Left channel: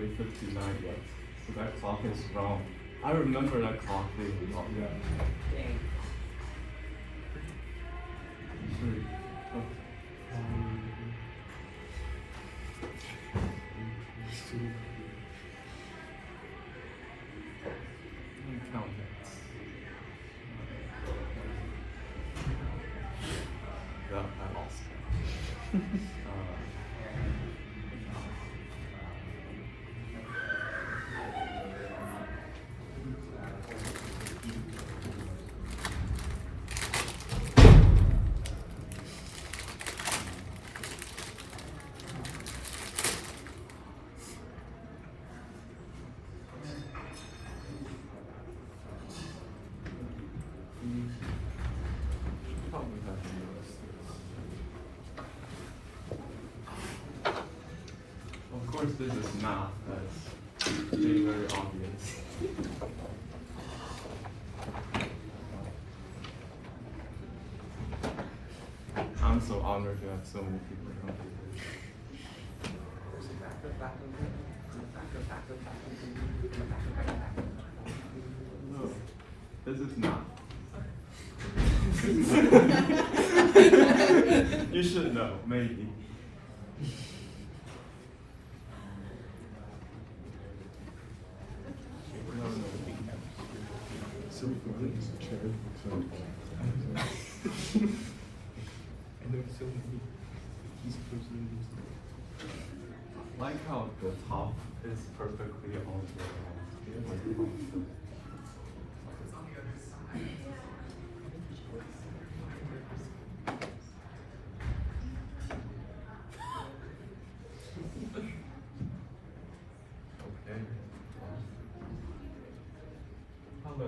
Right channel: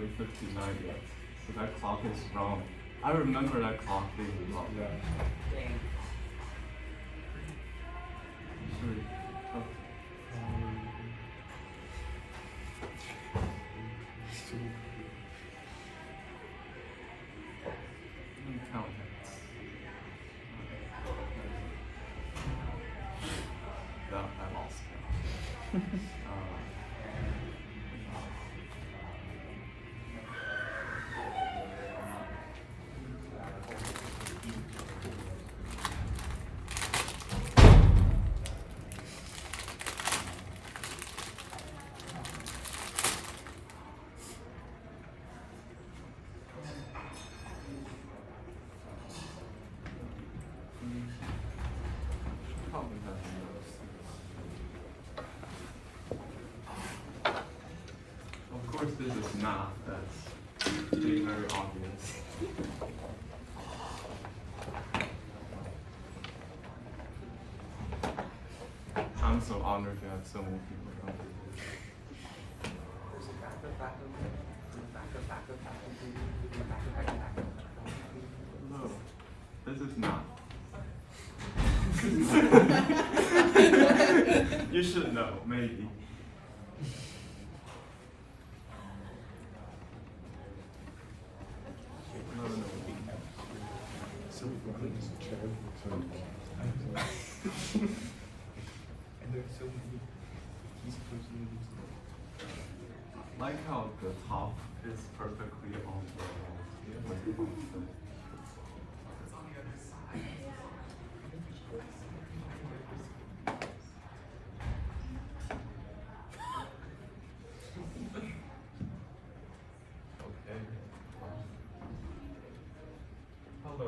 only 59 yet. So that clock is wrong. I remember that clock really well. Dang. Sorry. Oh. Let me count it. Yeah, I lost count. Probably have noticed this. Of course, this is math. That's being very obvious. I'm so honored to have so many people come to this. No, this is not. You should know, maybe. No, no. So fun as a child. And there's so many I like how the top is perfectly on the Okay. Hello,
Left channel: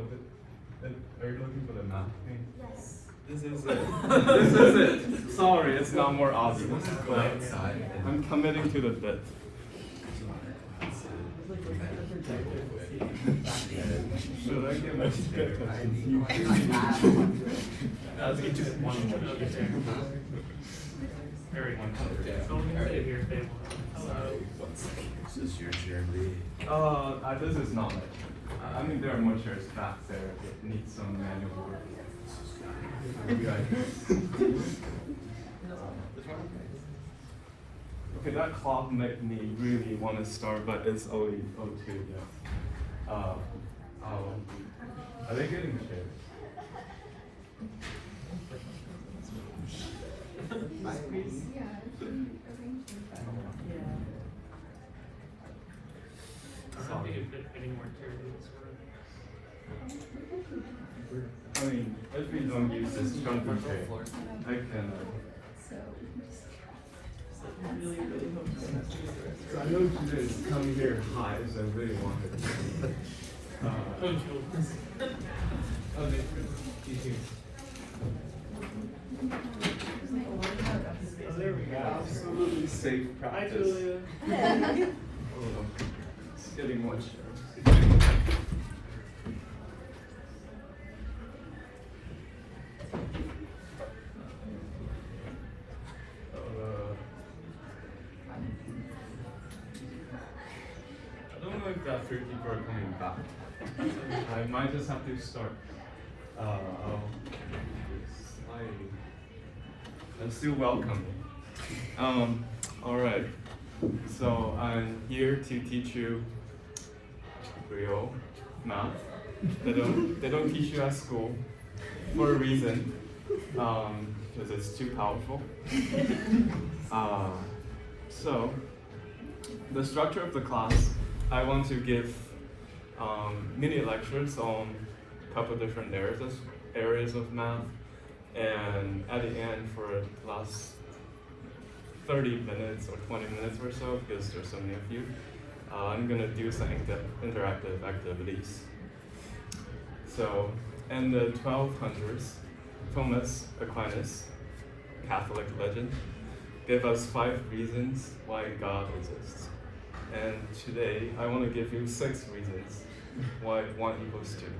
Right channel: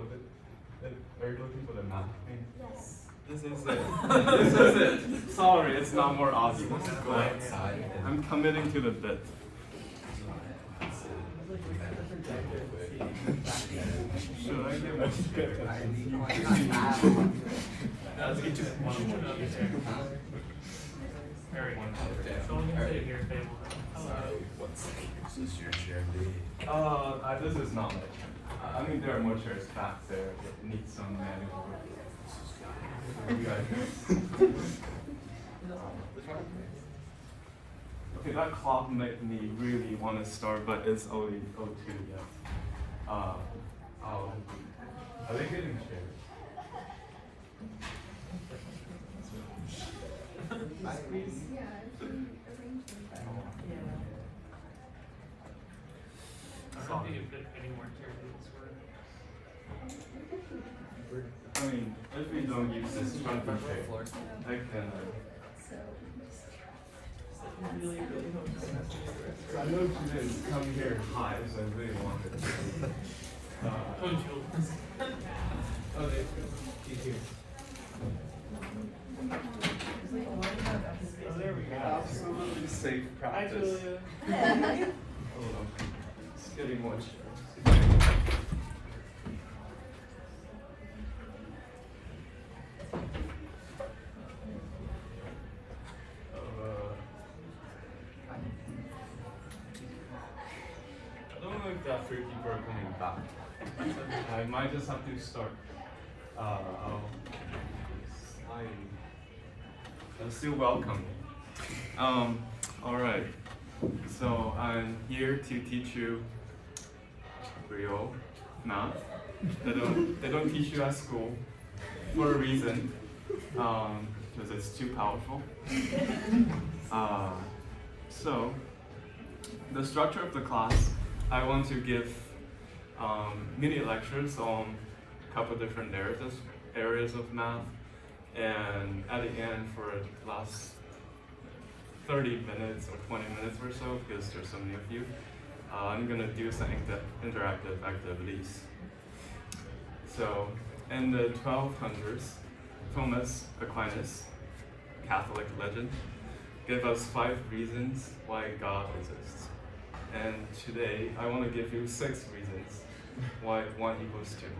are you looking for the math thing? Yes. This is it. This is it. Sorry, it's not more obvious, but I'm committing to the bit. Should I give us Is this your chair? this is not it. I mean, there are more chairs back there. It needs some manual work. Okay, that clock made me really want to start, but it's only 02 yet. Are they getting chairs? I mean, if we don't use this chunky chair, we can. So I know you guys come here high, so I really wanted. Okay, here. Oh, there we go. Absolutely safe practice. Oh, it's getting more stressed. I don't know if that three people are coming back. I might just have to start. I'm still welcome. All right. So I'm here to teach you real math. They don't teach you at school for a reason, because it's too powerful. So the structure of the class, I want to give mini lectures on a couple different areas of math, and at the end, for the last 30 minutes or 20 minutes or so, because there's so many of you, I'm gonna do some interactive activities. So in the 1200s, Thomas Aquinas, Catholic legend, gave us 5 reasons why God exists. And today, I want to give you 6 reasons why 1 equals 2.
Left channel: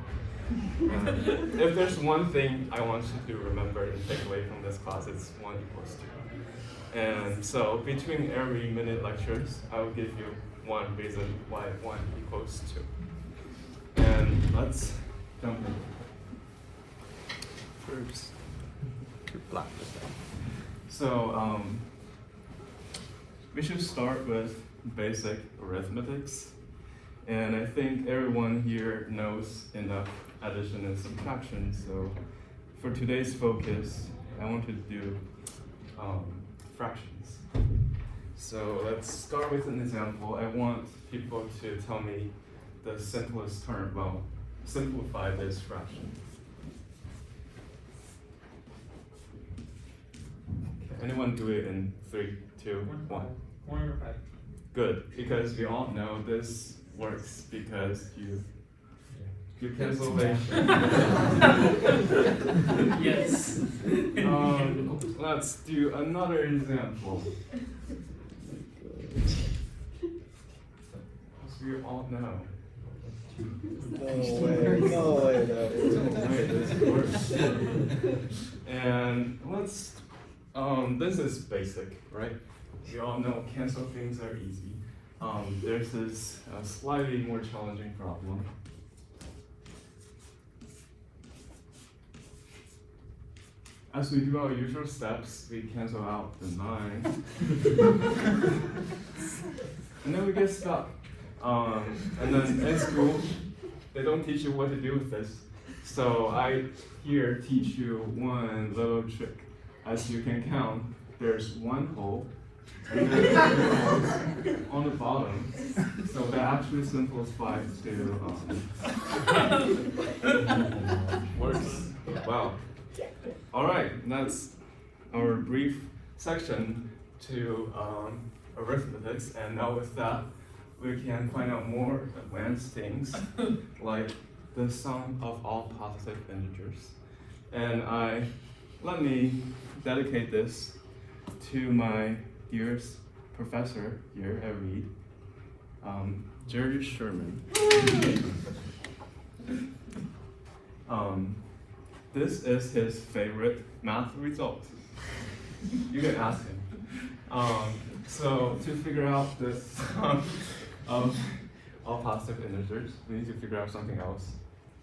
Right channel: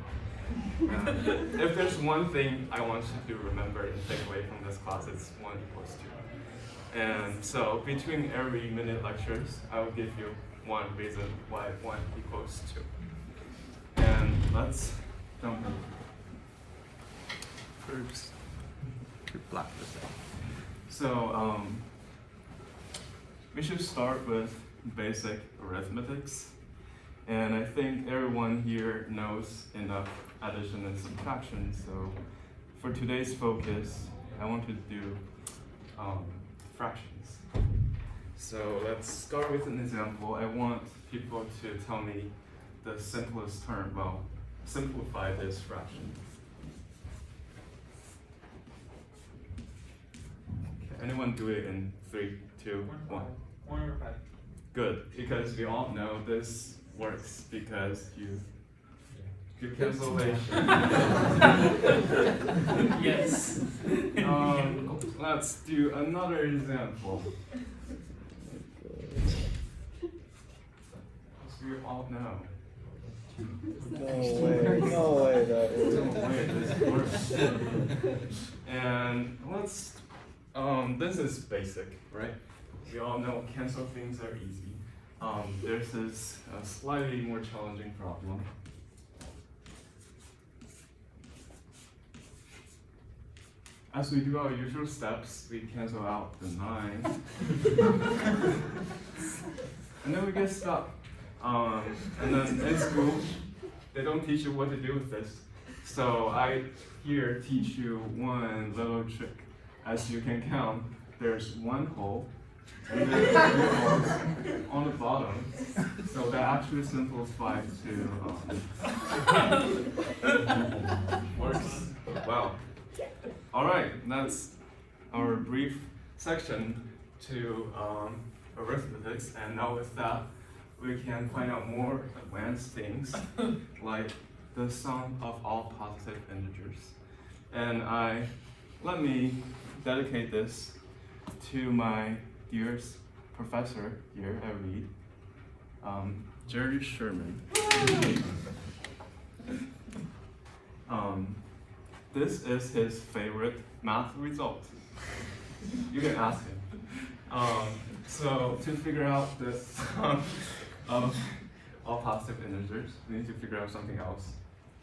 If there's one thing I want you to remember and take away from this class, it's 1 equals 2. And so between every minute lectures, I will give you one reason why 1 equals 2. And let's dump it. Oops. To black this out. So we should start with basic arithmetics. And I think everyone here knows enough addition and subtraction. So for today's focus, I want to do fractions. So let's start with an example. I want people to tell me the simplest term. Well, simplify this fraction. Okay, anyone do it in 3, 2, 1? Good, because we all know this works because you cancellation. Yes. Let's do another example. As you all know. No way, this works. And let's, this is basic, right? We all know cancel things are easy. There's this slightly more challenging problem. As we do our usual steps, we cancel out the 9. And then we get stuck. And then in school, they don't teach you what to do with this. So I here teach you one little trick. As you can count, there's 1 hole and then 2 holes on the bottom. So that actually simplifies to works. Wow. All right, that's our brief section to arithmetics, and now with that, we can find out more advanced things like the sum of all positive integers. And let me dedicate this to my dearest professor here at Reed, Jerry Sherman. This is his favorite math result. You can ask him. So to figure out this sum of all positive integers, we need to figure out something else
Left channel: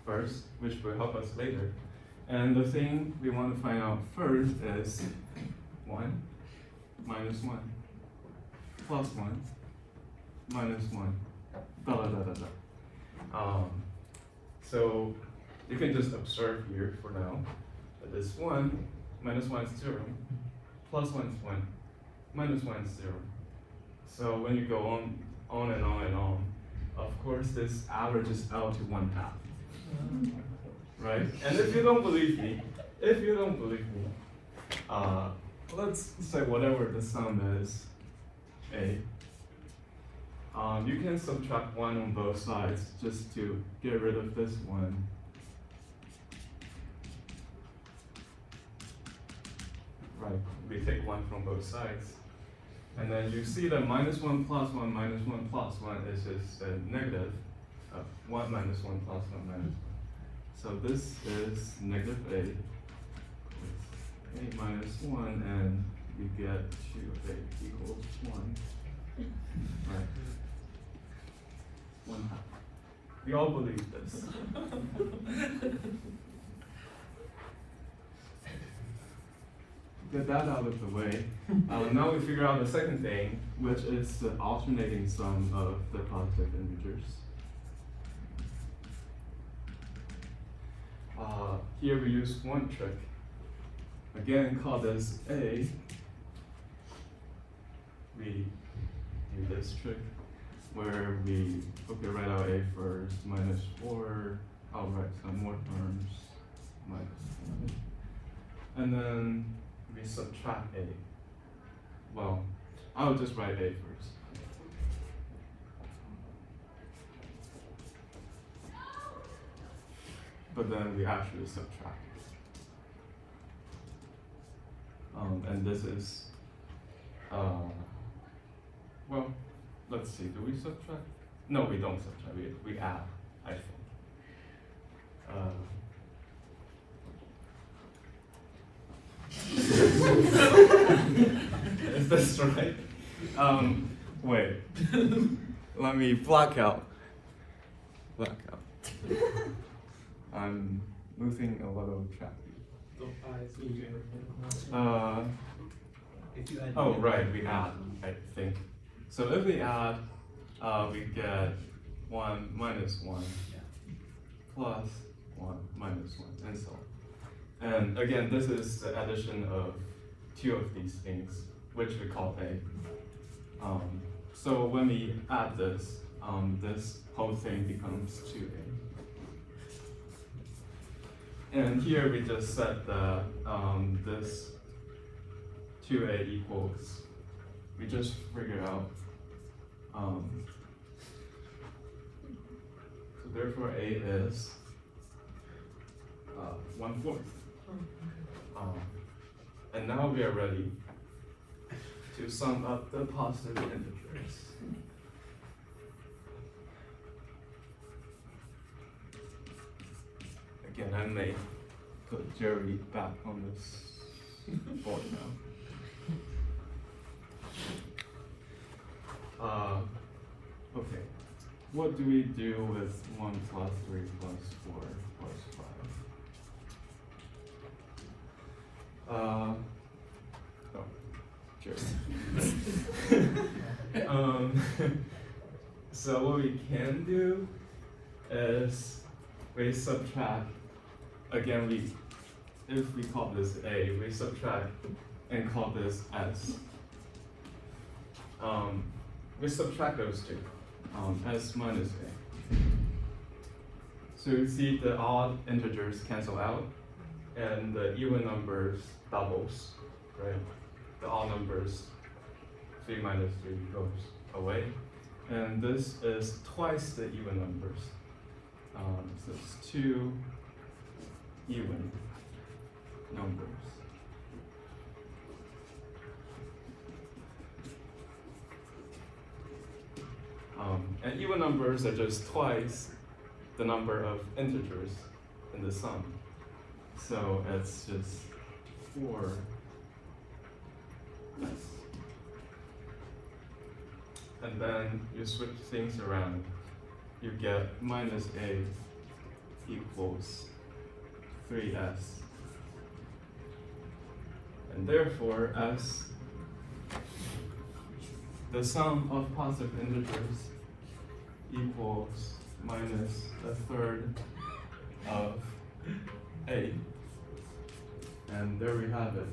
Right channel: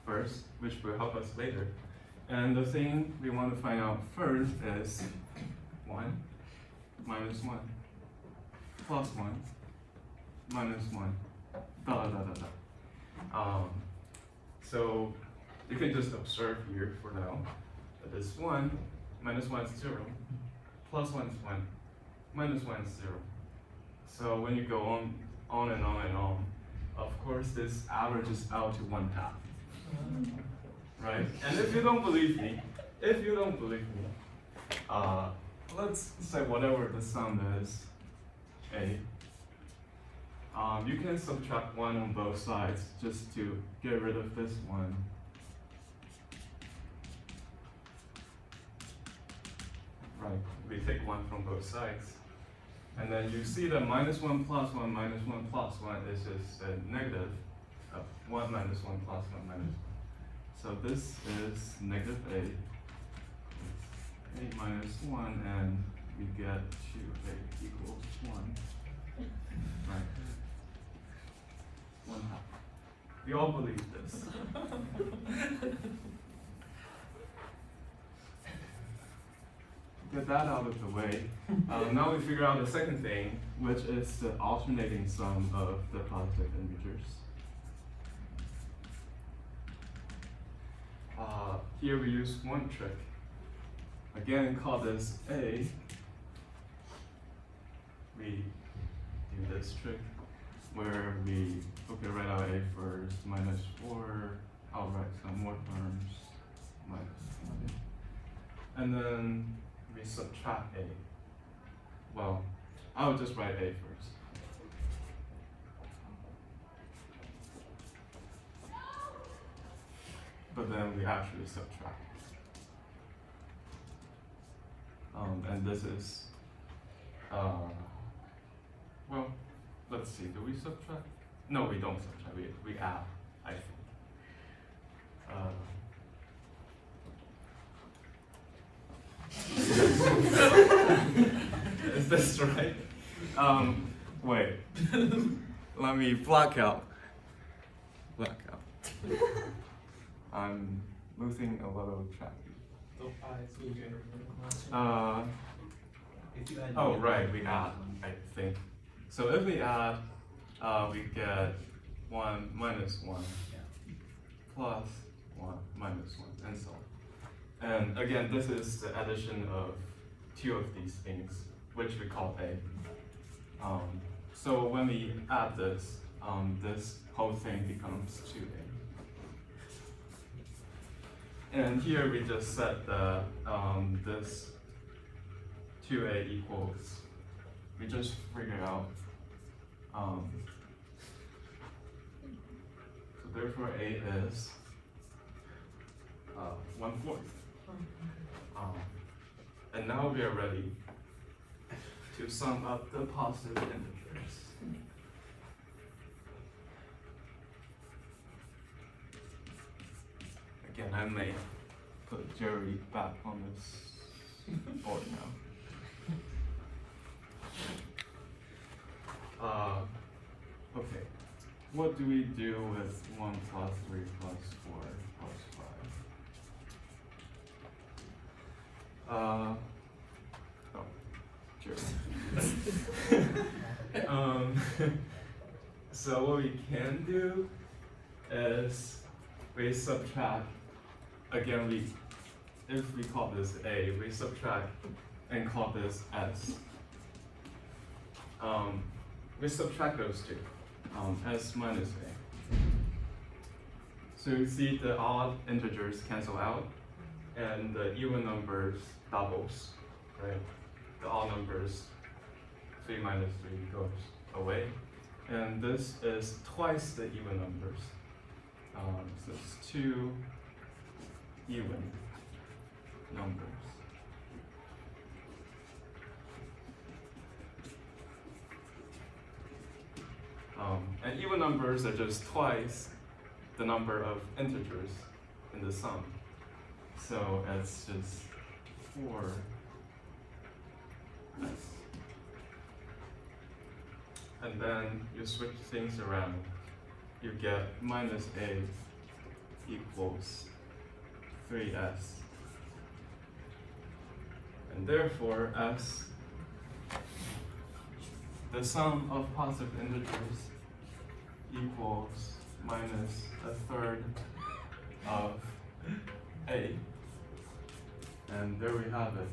first, which will help us later. And the thing we want to find out first is 1 minus 1 plus 1 minus 1, da da da da da. So you can just observe here for now that this 1 minus 1 is 0, plus 1 is 1, minus 1 is 0. So when you go on and on and on, of course this averages out to 1/2. Right? And if you don't believe me, let's say whatever the sum is, A. You can subtract 1 on both sides just to get rid of this 1. Right, we take 1 from both sides. And then you see that minus 1 plus 1 minus 1 plus 1 is just a negative of 1 minus 1 plus 1 minus 1. So this is negative A. It's A minus 1, and we get 2A equals 1. Right. 1/2. We all believe this. Get that out of the way. Now we figure out the second thing, which is the alternating sum of the positive integers. Here we use one trick. Again, call this A. We do this trick where we write out A first, minus 4. I'll write some more terms, minus 1. And then we subtract A. Well, I'll just write A first. But then we actually subtract. And this is, well, let's see, do we subtract? No, we don't subtract, we add, I think. Is this right? Wait. let me black out. I'm losing a lot of track. Oh, right, we add, I think. So if we add, we get 1 minus 1 plus 1 minus 1, and so on. And again, this is the addition of two of these things, which we call A. So when we add this, this whole thing becomes 2A. And here we just set the this 2A equals, we just figured out, so therefore A is 1/4. And now we are ready to sum up the positive integers. Again, I may put Jerry back on this board now. Okay, what do we do with 1 plus 3 plus 4 plus 5? Oh, Jerry. So what we can do is we subtract, again, if we call this A, we subtract and call this S. We subtract those two, S minus A. So you see the odd integers cancel out, and the even numbers doubles, right? The odd numbers, 3 minus 3 goes away. And this is twice the even numbers. So it's 2 even numbers. And even numbers are just twice the number of integers in the sum. So it's just 4. And then you switch things around. You get minus A equals 3S. And therefore, S, the sum of positive integers equals minus 1/3 of A. And there we have it.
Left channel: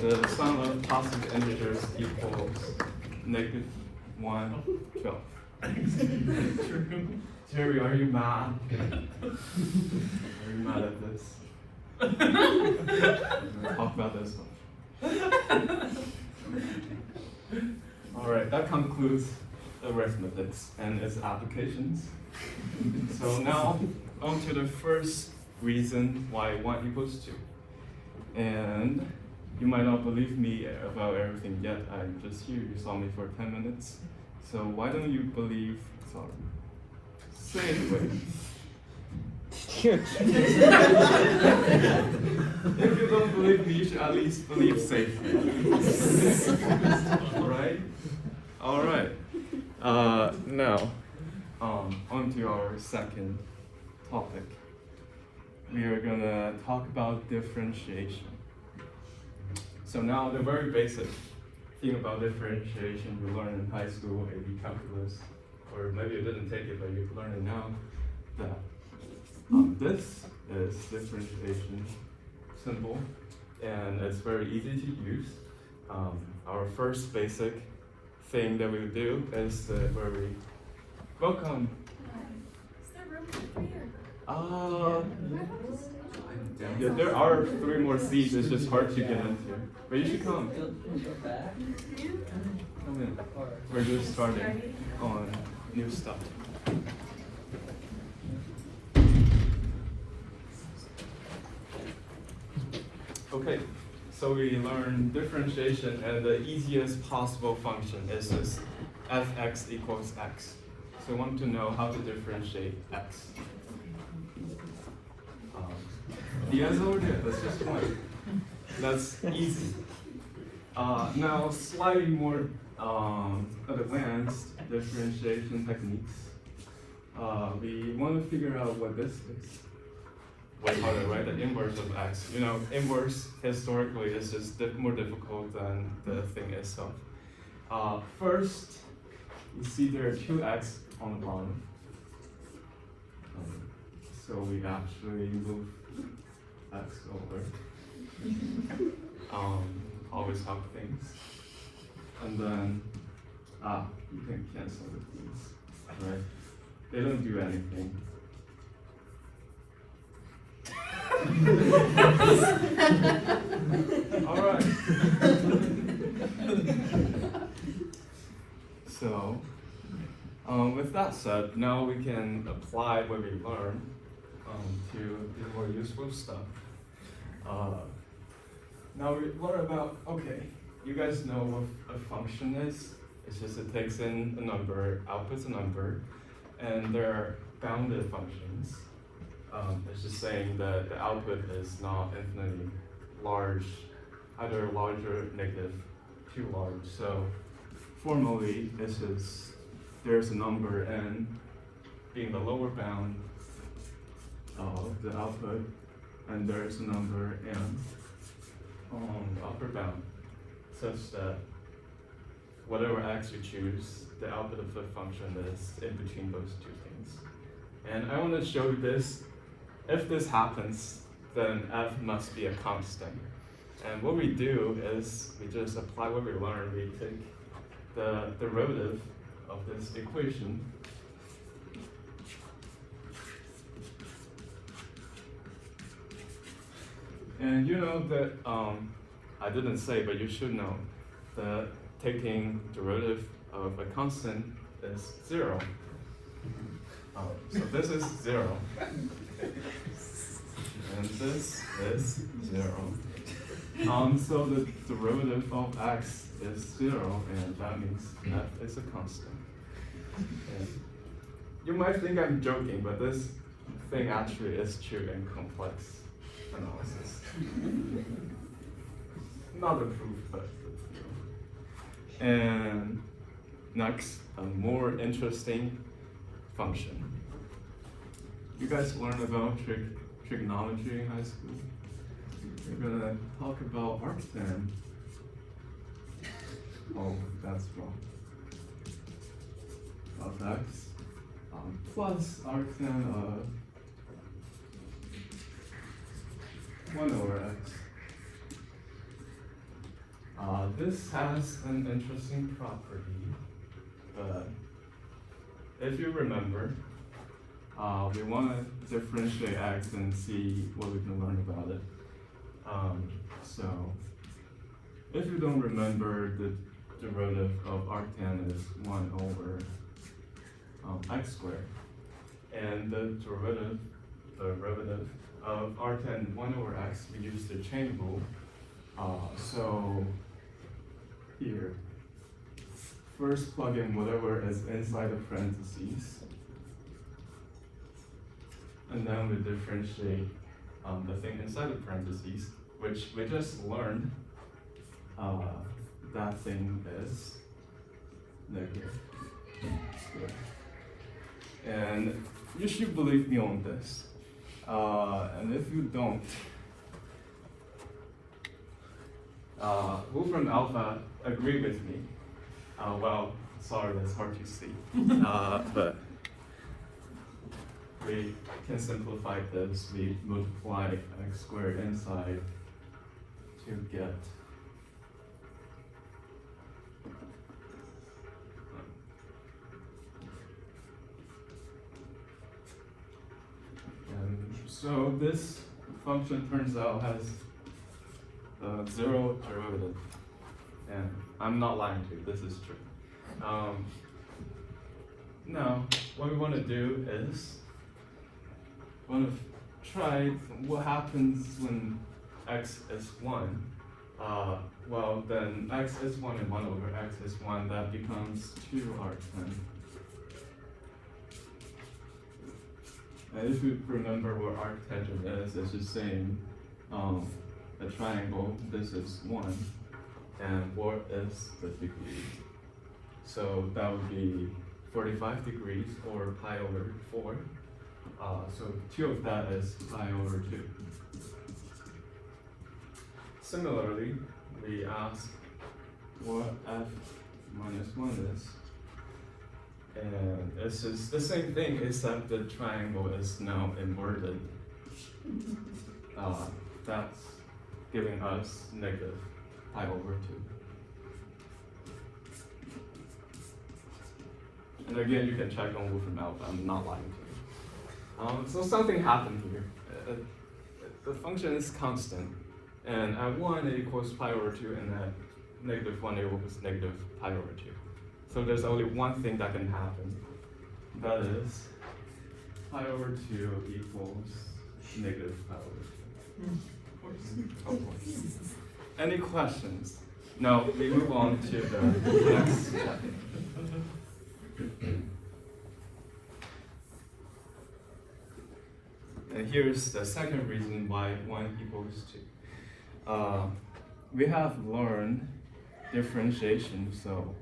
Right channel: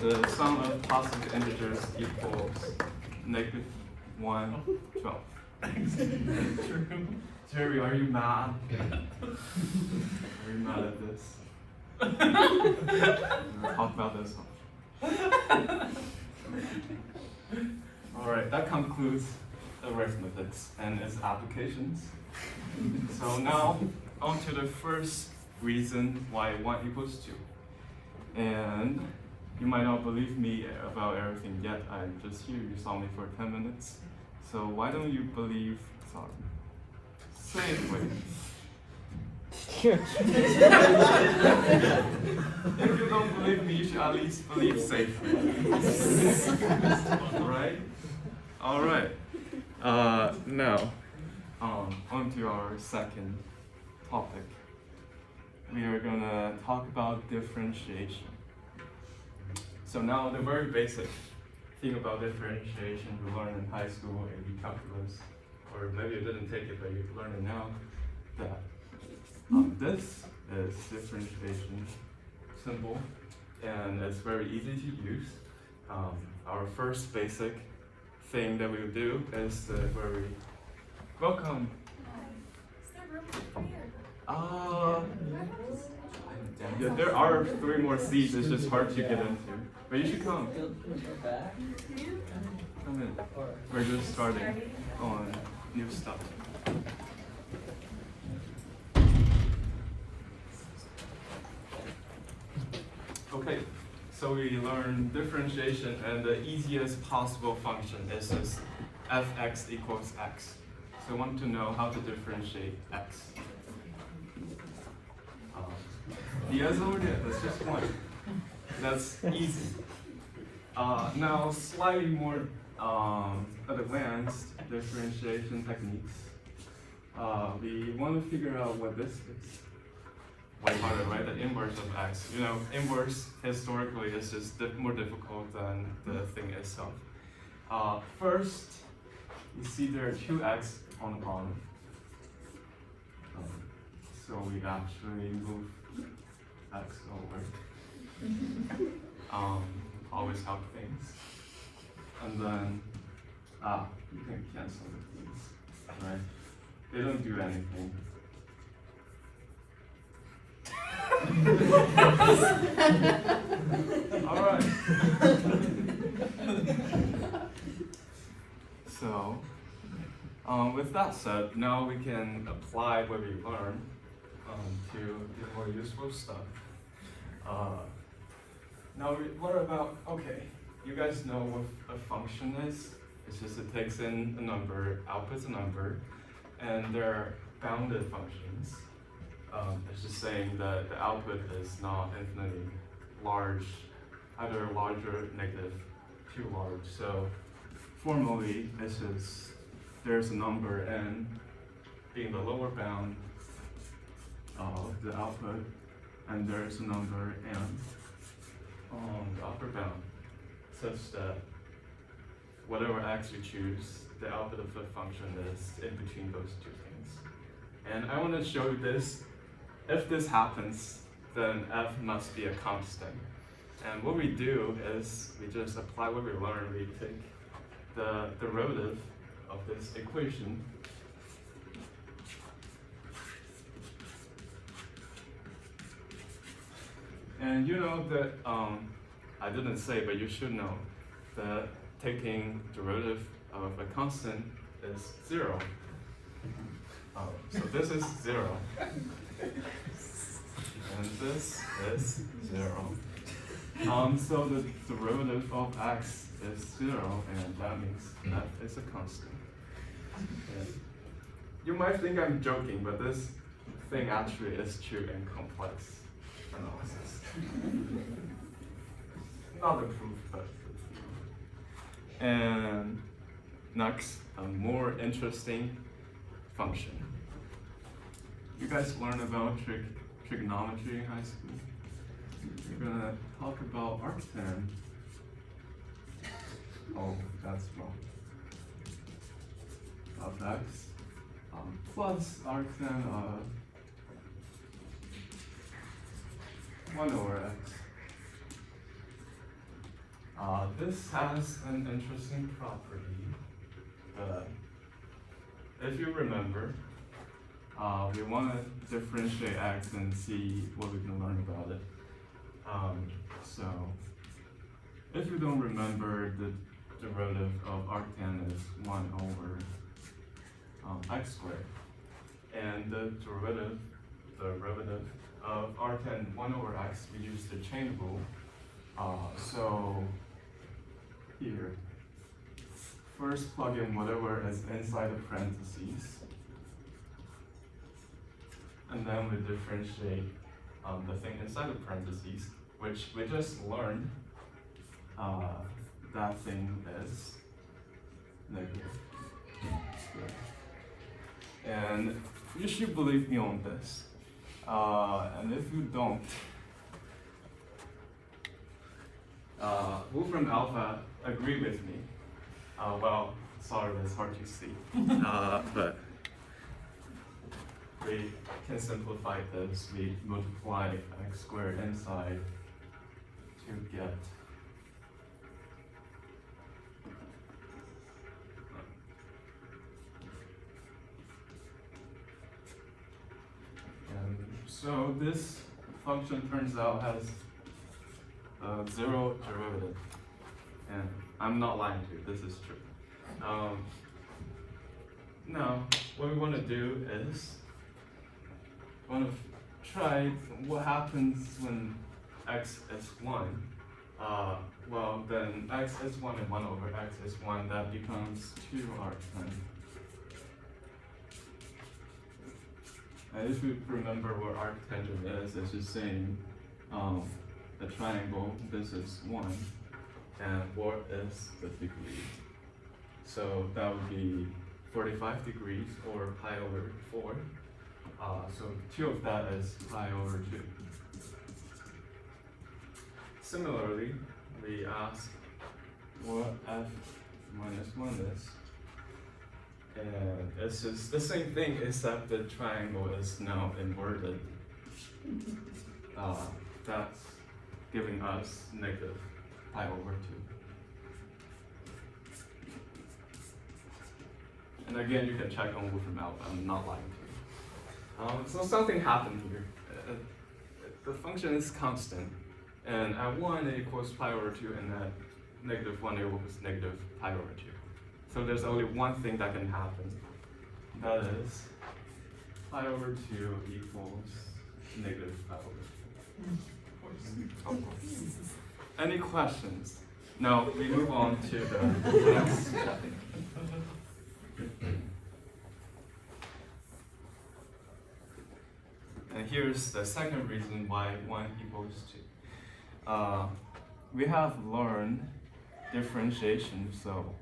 The sum of positive integers equals -1/12. Jerry, are you mad? Are you mad at this? We'll talk about this one. Alright, that concludes arithmetic and its applications. So now, on to the first reason why 1 equals 2. And you might not believe me about everything yet. I'm just here, you saw me for 10 minutes. So why don't you believe, safely? If you don't believe me, you should at least believe safely. Right? Alright. Now, on to our second topic. We are gonna talk about differentiation. So now the very basic thing about differentiation you learned in high school, AB calculus, or maybe you didn't take it, but you learn it now, that this is differentiation symbol, and it's very easy to use. Our first basic thing that we'll do is the very welcome. Yeah, there are 3 more seats, it's just hard to get into. But you should come. Come in. We're just starting on new stuff. Okay, so we learned differentiation, and the easiest possible function is this fx equals x. So I want to know how to differentiate x. The answer is just 1. That's easy. Now, slightly more advanced differentiation techniques. We want to figure out what this is. Way harder, right? The inverse of x. You know, inverse historically is just more difficult than the thing itself. First, you see there are two x on the bottom. So we actually move x over. Always help things. And then, you can cancel these, right? They don't do anything. All right. So, with that said, now we can apply what we learned to the more useful stuff. Now, what about, okay, you guys know what a function is? It's just it takes in a number, outputs a number, and they're bounded functions. It's just saying that the output is not infinitely large, either large or negative, too large. So formally, there's a number n being the lower bound of the output, and there's a number m on the upper bound, such that whatever x you choose, the output of the function is in between those two things. And I want to show you this. If this happens, then f must be a constant. And what we do is we just apply what we learned. We take the derivative of this equation, and you know that, I didn't say, but you should know that taking derivative of a constant is 0. So this is 0. And this is 0. So the derivative of x is 0, and that means f is a constant. And you might think I'm joking, but this thing actually is true in complex analysis. Not a proof, but. And next, a more interesting function. You guys learned about trigonometry in high school. We're gonna talk about arctan. Oh, that's wrong. Of x plus arctan of 1 over x. This has an interesting property. If you remember, we want to differentiate x and see what we can learn about it. So, if you don't remember, the derivative of arctan is 1 over x squared. And the derivative of arctan 1 over x, we use the chain rule. So here, first plug in whatever is inside the parentheses, and then we differentiate the thing inside the parentheses, which we just learned that thing is negative. And you should believe me on this. And if you don't, Wolfram Alpha agree with me. Well, sorry, that's hard to see. But we can simplify this. We multiply x squared inside to get so this function turns out has 0 derivative, and I'm not lying to you, this is true. Now, what we want to do is we want to try what happens when x is 1. Well, then x is 1 and 1 over x is 1, that becomes 2 arctan. If you remember what arctangent is, it's just saying a triangle, this is 1, And what is the degree? So that would be 45 degrees or pi over 4. So 2 of that is pi over 2. Similarly, we ask what f minus 1 is. And it's just the same thing, except the triangle is now inverted. That's giving us negative pi over 2. And again, you can check on Wolfram alpha, I'm not lying to you. So something happened here. The function is constant, and at 1 it equals pi over 2, and at negative 1 it equals negative pi over 2. So there's only one thing that can happen. That is pi over 2 equals negative pi over 2. Of course. Any questions? No, we move on to the next chapter. And here's the second reason why 1 equals 2. We have learned differentiation, so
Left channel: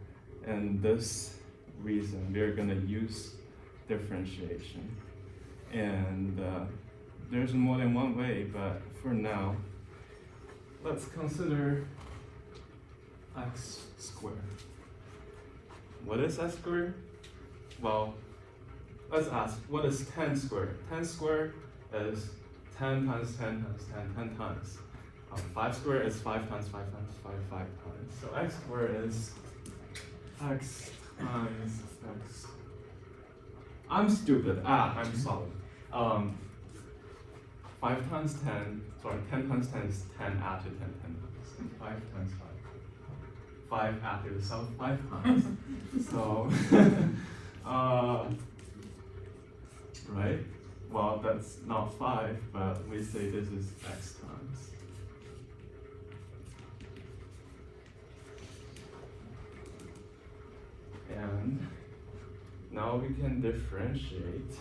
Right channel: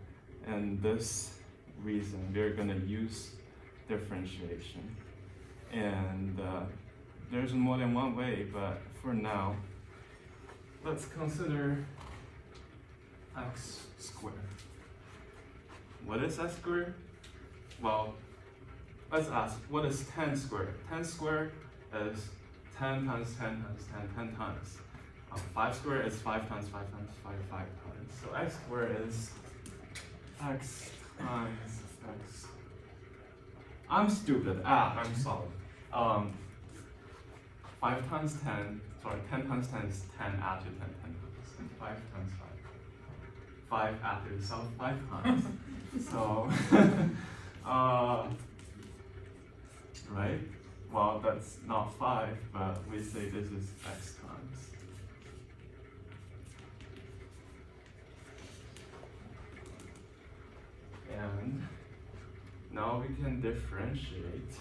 in this reason we're going to use differentiation. And there's more than one way, but for now, let's consider x squared. What is x squared? Well, let's ask, what is 10 squared? 10 squared is 10 times 10 times 10, 10 times. 5 squared is 5 times 5 times 5, 5 times. So x squared is x times x. I'm stupid. I'm sorry. 5 times 10, sorry, 10 times 10 is 10 add to 10, 10 times. And 5 times 5. 5 add to itself 5 times. So, right? Well, that's not 5, but we say this is x times. And now we can differentiate.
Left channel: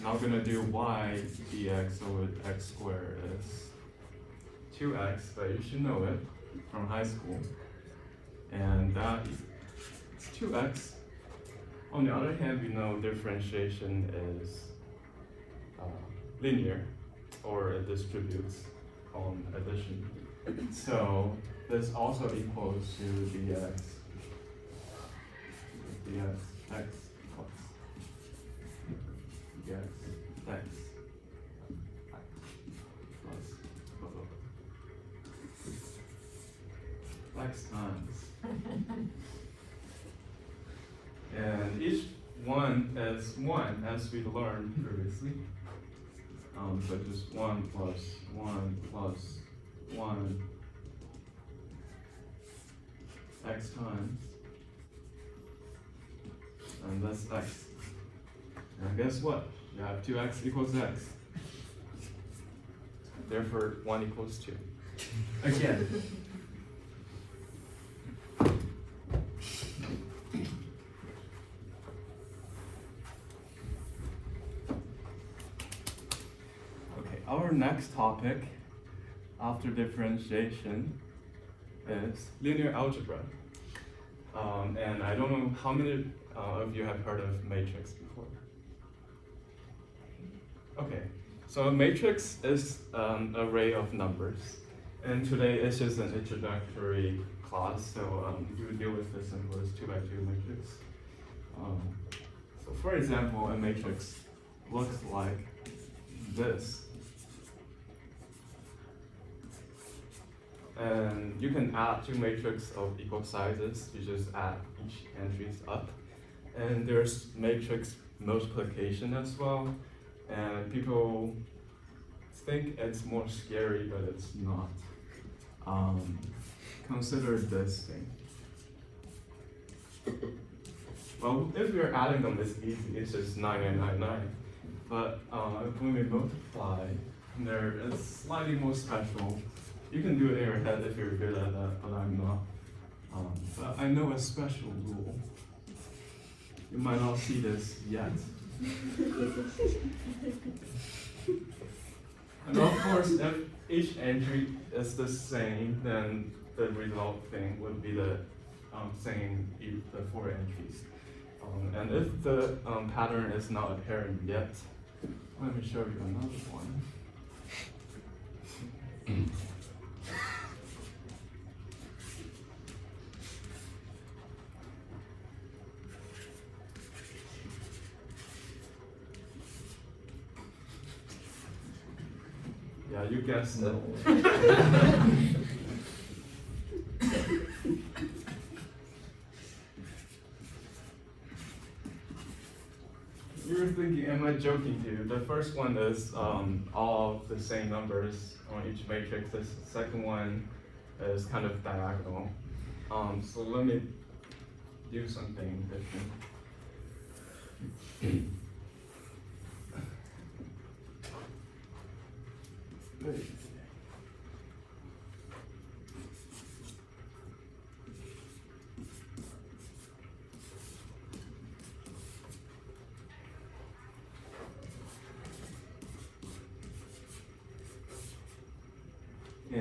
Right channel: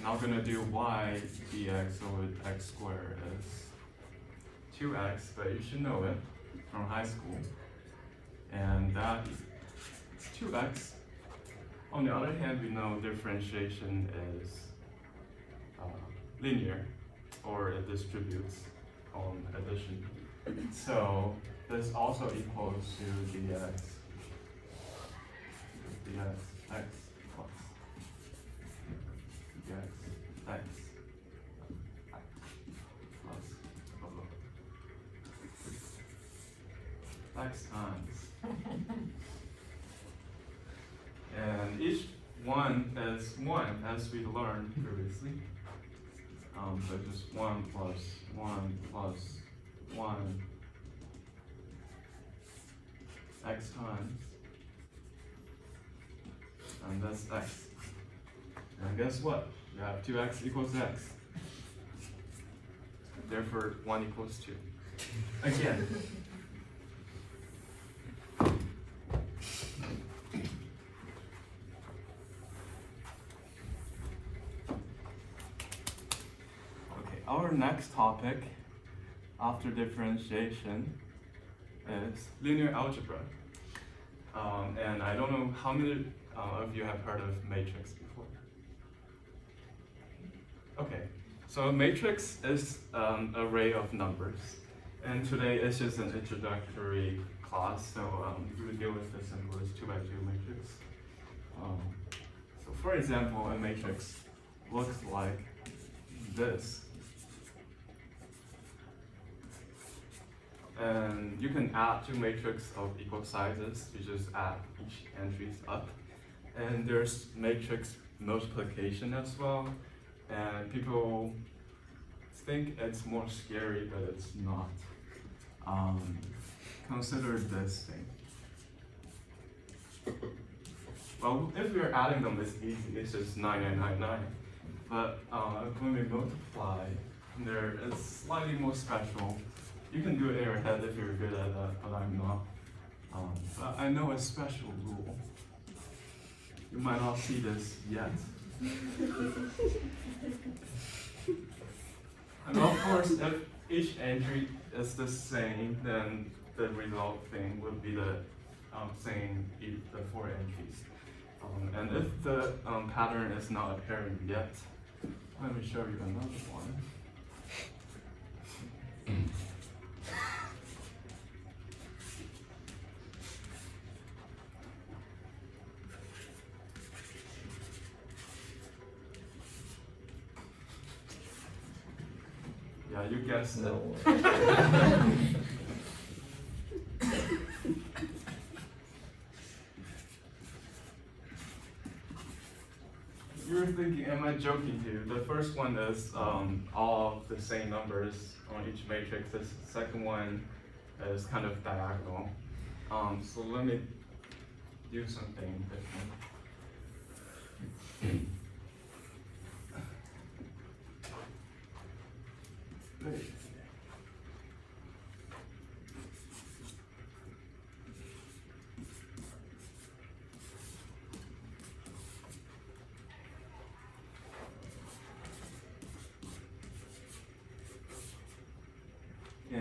Now we're gonna do y dx over x squared is 2x, but you should know it from high school. And that is 2x. On the other hand, we know differentiation is linear, or it distributes on addition. So this also equals to dx x plus dx x plus x times. And each one is 1, as we learned previously. So just 1 plus 1 plus 1 x times. And that's x. And guess what? You have 2x equals x. Therefore, 1 equals 2. Again. Okay, our next topic after differentiation is linear algebra. And I don't know how many of you have heard of matrix before. Okay, so a matrix is an array of numbers. And today it's just an introductory class, so we would deal with the simplest 2x2 matrix. So for example, a matrix looks like this. And you can add 2 matrices of equal sizes. You just add each entries up. And there's matrix multiplication as well. And people think it's more scary, but it's not. Consider this thing. Well, if we're adding them, it's easy. It's just 9999. But when we multiply, there it's slightly more special. You can do it in your head if you're good at that, but I'm not. But I know a special rule. You might not see this yet. And of course, if each entry is the same, then the result thing would be the same the 4 entries. And if the pattern is not apparent yet, let me show you another one. Yeah, you guessed it. You're thinking, am I joking to you? The first one is all of the same numbers on each matrix. The second one is kind of diagonal. So let me do something different.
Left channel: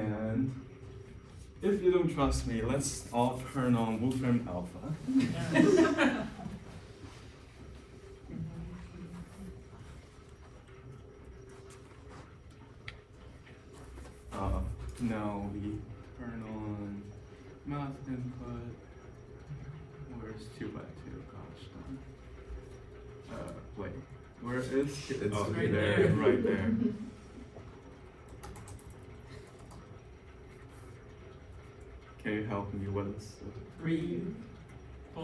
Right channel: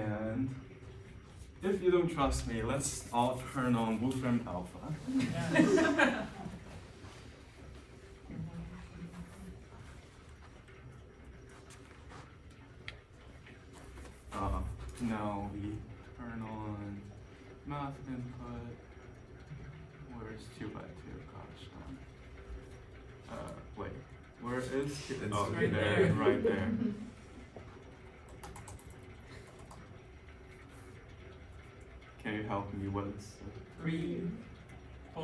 And if you don't trust me, let's all turn on Wolfram Alpha. Now we turn on math input. Where's 2 by 2? Gosh darn. Wait, where is it? Oh, right there, there. right there. Can you help me with this? 3, 4,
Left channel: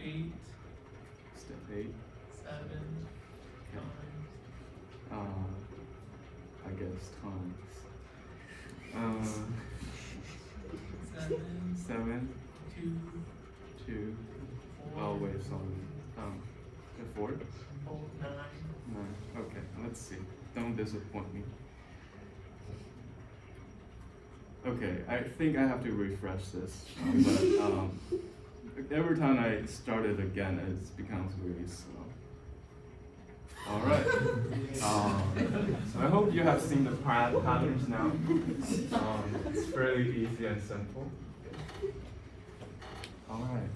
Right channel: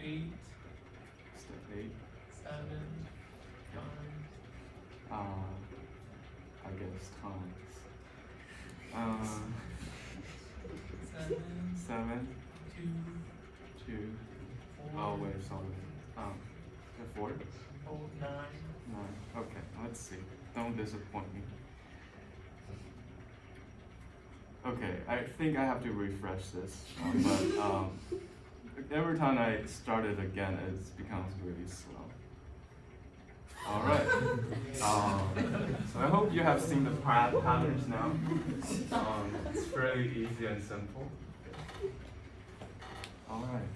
8, Step 8. 7, I guess times. 7, 2, 2. Oh wait, sorry. And 4. 9. 9. Okay, let's see. Don't disappoint me. Okay, I think I have to refresh this, but every time I start it again, it becomes really slow. All right. So I hope you have seen the patterns now. It's fairly easy and simple. All right.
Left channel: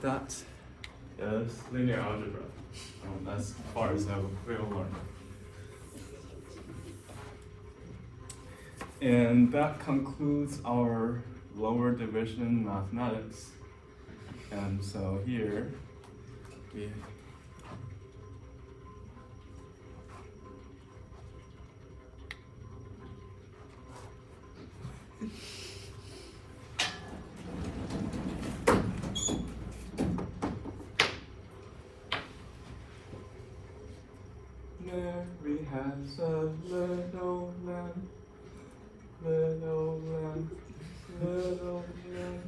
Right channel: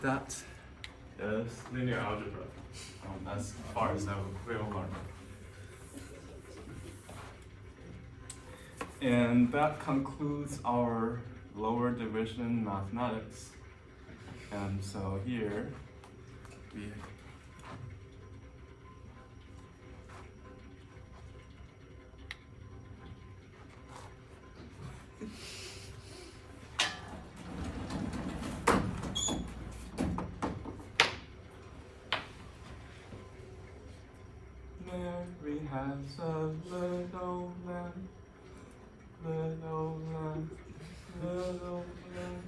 That is linear algebra. As far as I will learn. And that concludes our lower division mathematics. And so here we Mary has a little lamb. Little lamb, little lamb.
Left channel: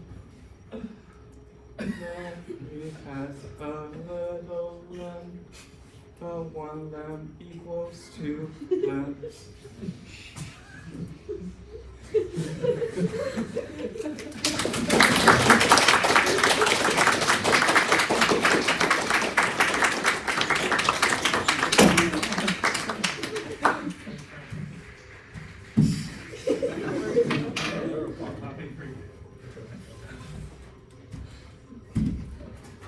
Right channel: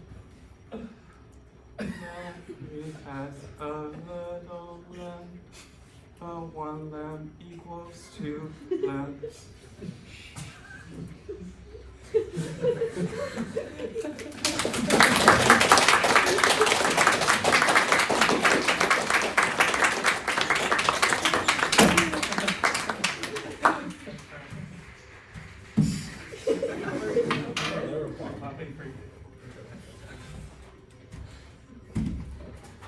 Mary has a little lamb. The one lamb equals 2 lambs.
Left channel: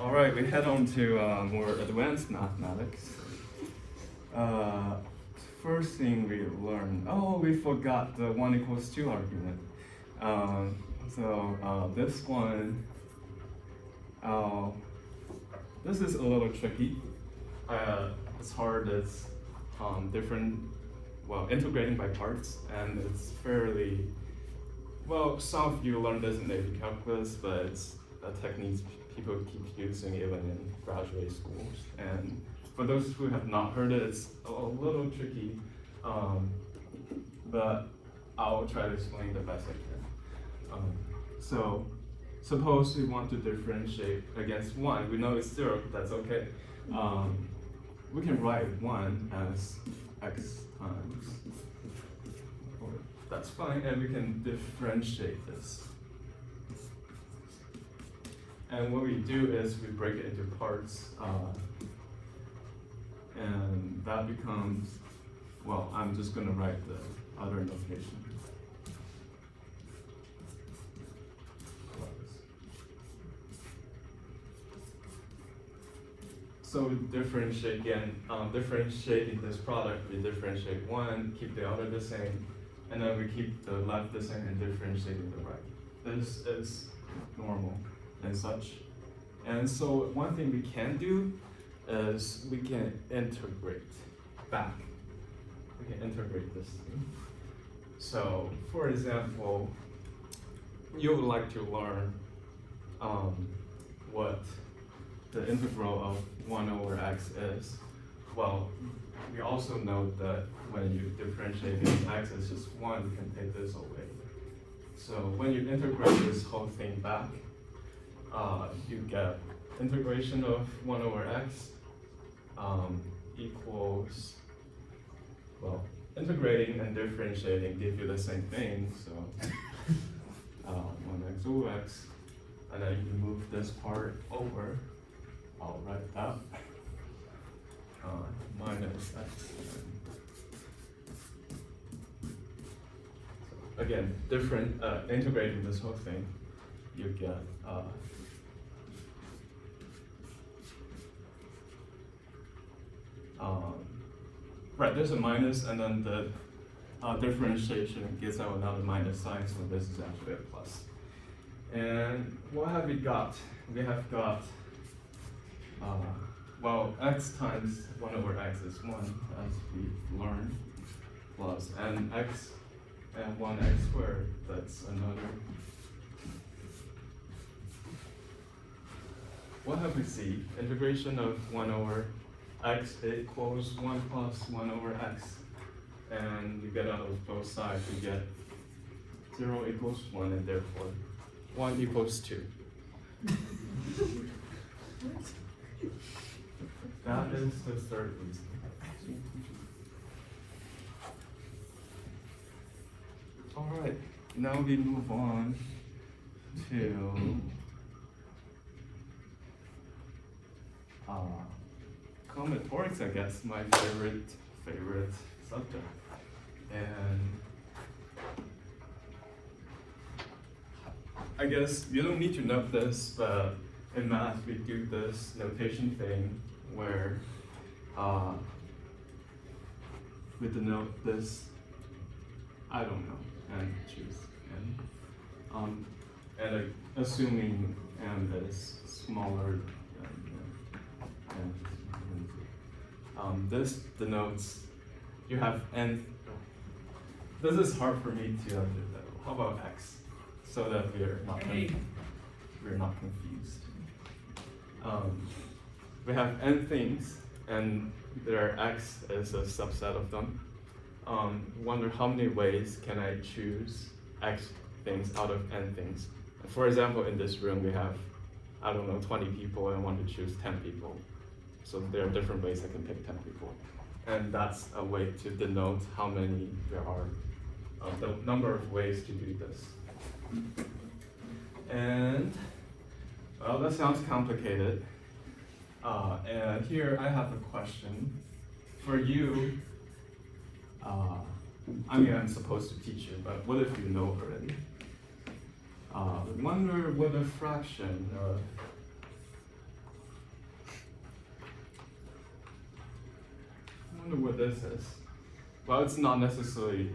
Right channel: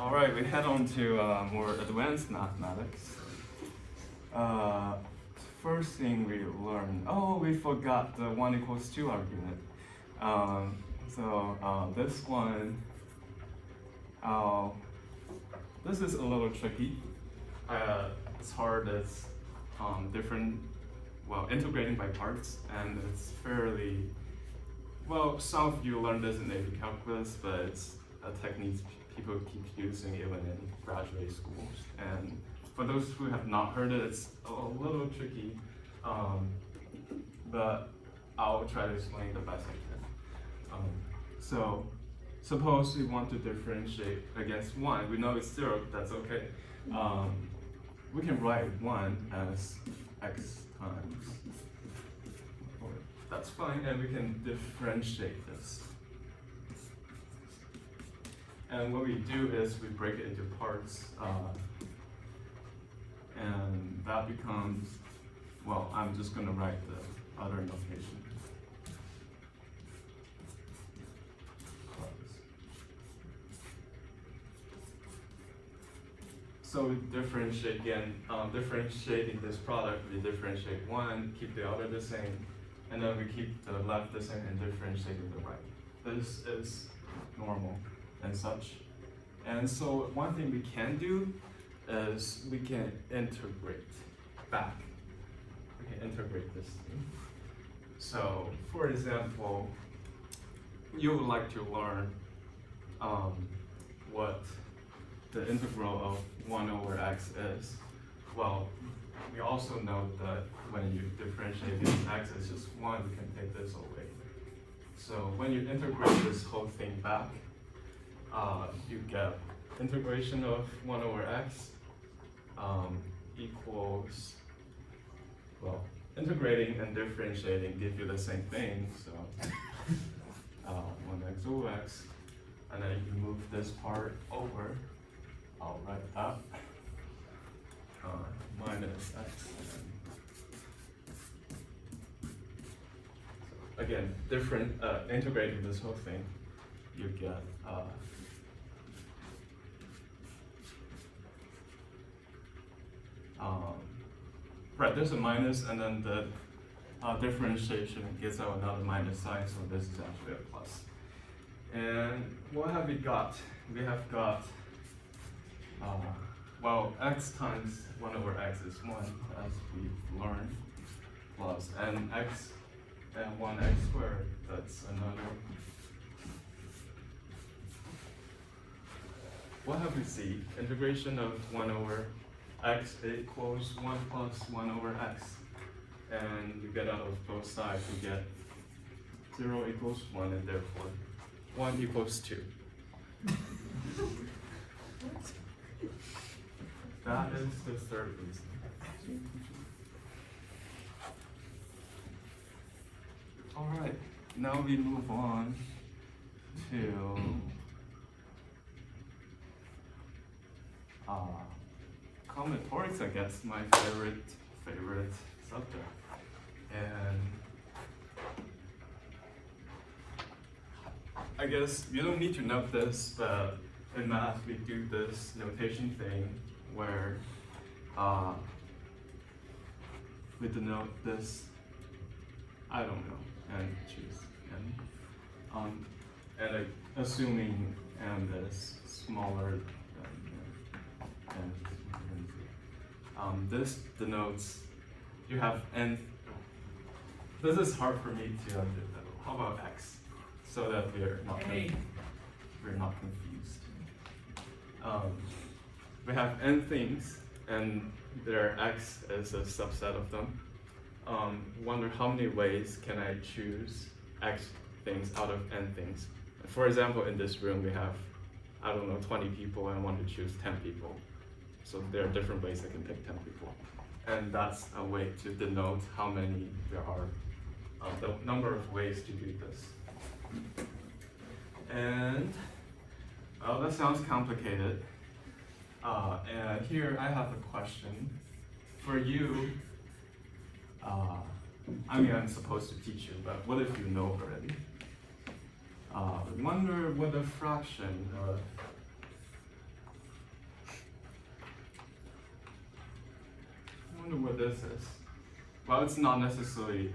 All right, we head on to more advanced mathematics. First thing we learned, we forgot the 1 equals 2 argument. This one, this is a little tricky. As hard as integrating by parts, and it's fairly, some of you learned this in AP Calculus, but it's a technique people keep using even in graduate schools. And for those who have not heard it, it's a little tricky, but I'll try to explain the best I can. So suppose we want to differentiate against 1. We know it's 0, that's okay. We can write 1 as x times, that's fine, and we can differentiate this. And what we do is we break it into parts, and that becomes, I'm just gonna write the other notation. So differentiating this product, we differentiate one, keep the other the same, and then we keep the left the same and differentiate with the right. This is normal and such. And so one thing we can do is we can integrate back. We can integrate this thing. So for example, you would like to learn what the integral of 1 over x is. Well, we also know that when you differentiate this x is just 1, you can take this away. So when you integrate this whole thing back, you get integration of 1 over x equals, well, integrating and differentiating give you the same thing, so 1x over x, and then you can move this part over. I'll write that minus x. So again, integrating this whole thing, you get right, there's a minus, and then the differentiation gives out another minus sign, so this is actually a plus. And what have we got? We have got, well, x times 1 over x is 1, as we've learned, plus, and x and 1x squared, that's another. What have we seen? Integration of 1 over x equals 1 plus 1 over x. And you get out of both sides, you get 0 equals 1, and therefore 1 equals 2. That is the third reason. All right, now we move on to combinatorics, I guess, my favorite subject. And I guess you don't need to know this, but in math we do this notation thing where we denote this, I don't know, and choose n. And assuming n is smaller than this denotes you have n. This is hard for me to understand. How about x? So that we're not confused. We have n things, and their x is a subset of them. Wonder how many ways can I choose x things out of n things? For example, in this room we have, I don't know, 20 people, and I want to choose 10 people. So there are different ways I can pick 10 people. And that's a way to denote how many there are, the number of ways to do this. And, well, that sounds complicated. And here I have a question for you. I mean, I'm supposed to teach you, but what if you know already? Wonder what a fraction of what this is. Well, it's not necessarily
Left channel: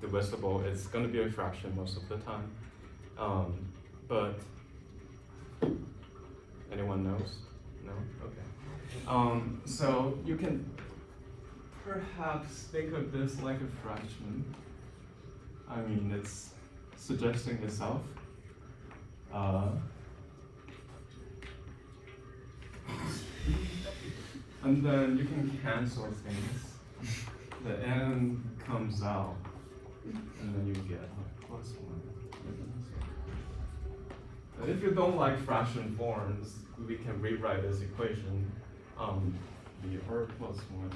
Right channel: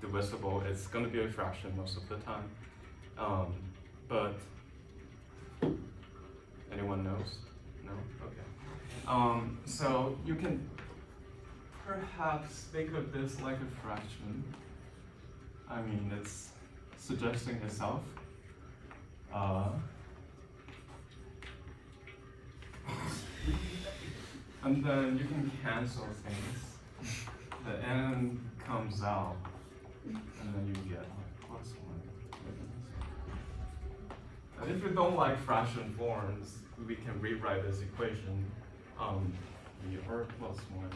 divisible. It's going to be a fraction most of the time. But anyone knows? No? Okay. So you can perhaps think of this like a fraction. I mean, it's suggesting itself. And then you can cancel things. The n comes out, and then you get like plus 1. If you don't like fraction forms, we can rewrite this equation. Or plus 1.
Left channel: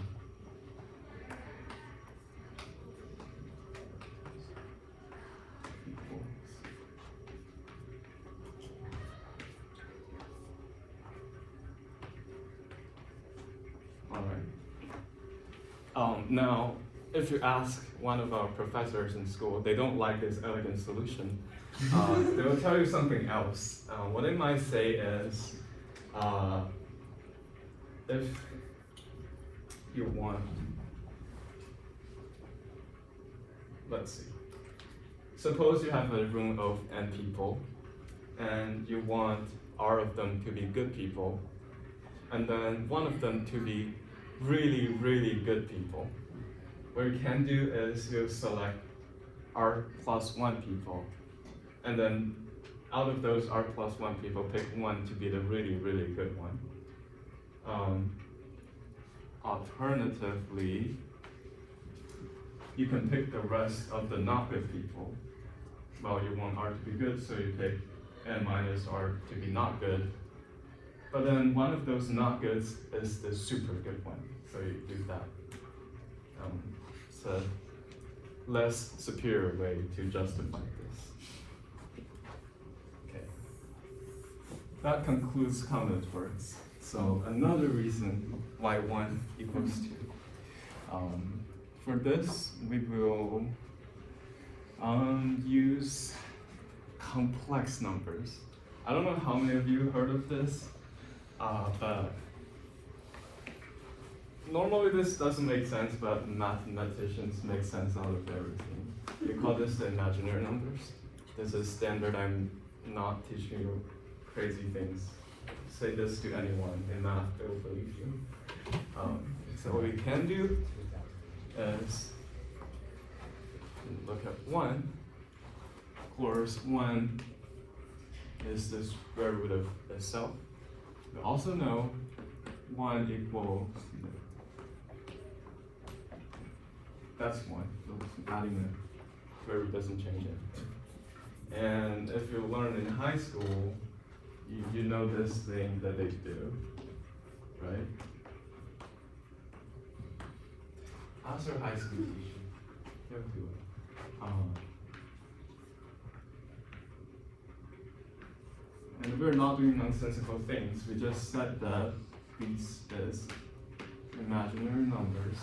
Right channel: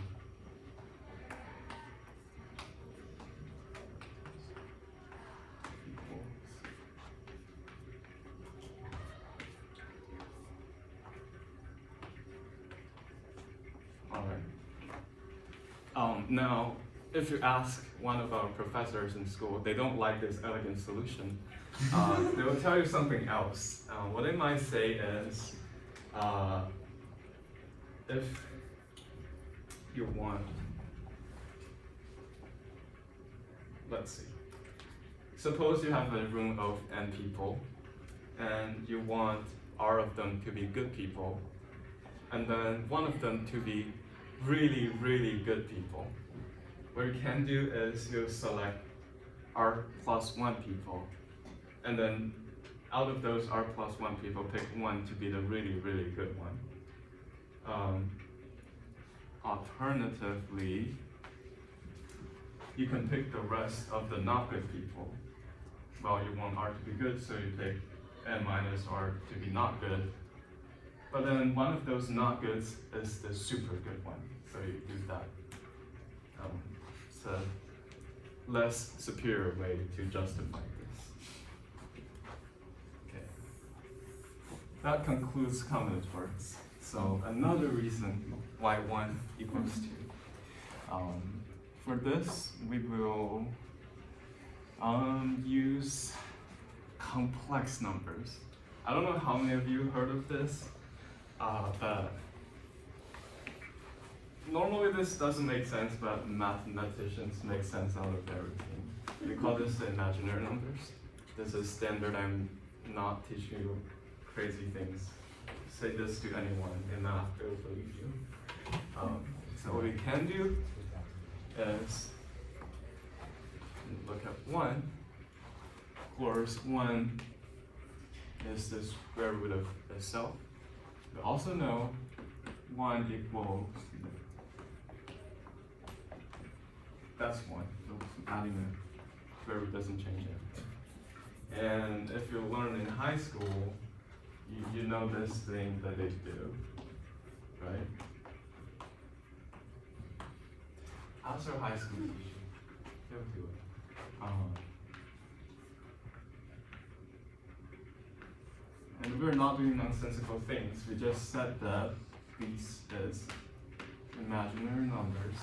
Now, if you ask one of our professors in school, they don't like this elegant solution. They will tell you something else. What they might say is, if you want, let's see. Suppose you have a room of n people, and you want r of them to be good people, and then one of them to be really, really good people. What you can do is you select r plus 1 people, and then out of those r plus 1 people, pick one to be the really, really good one. Alternatively, you can pick the rest of the not good people. Well, you want r to be good, so you pick n minus r to be not good. But then one of those not goods is the super good one, so you do that. It's a less superior way to justify this. Okay. That concludes combinatorics. So another reason why 1 equals 2. For this, we will use complex numbers. I don't know how many of you heard of this, but normally this doesn't make sense, but mathematicians make sense out of their routine. We call this the imaginary numbers. This is standard. I'm not teaching you crazy things. Say this to anyone in math, they'll believe you. So what we can do is look at 1. Of course, 1 is the square root of itself. We also know 1 equals, that's 1, so adding a square root doesn't change it. And if you learn in high school, you know this thing that they do, right? How's your high school teacher? They'll do it. And we're not doing nonsensical things. We just said that this is imaginary numbers,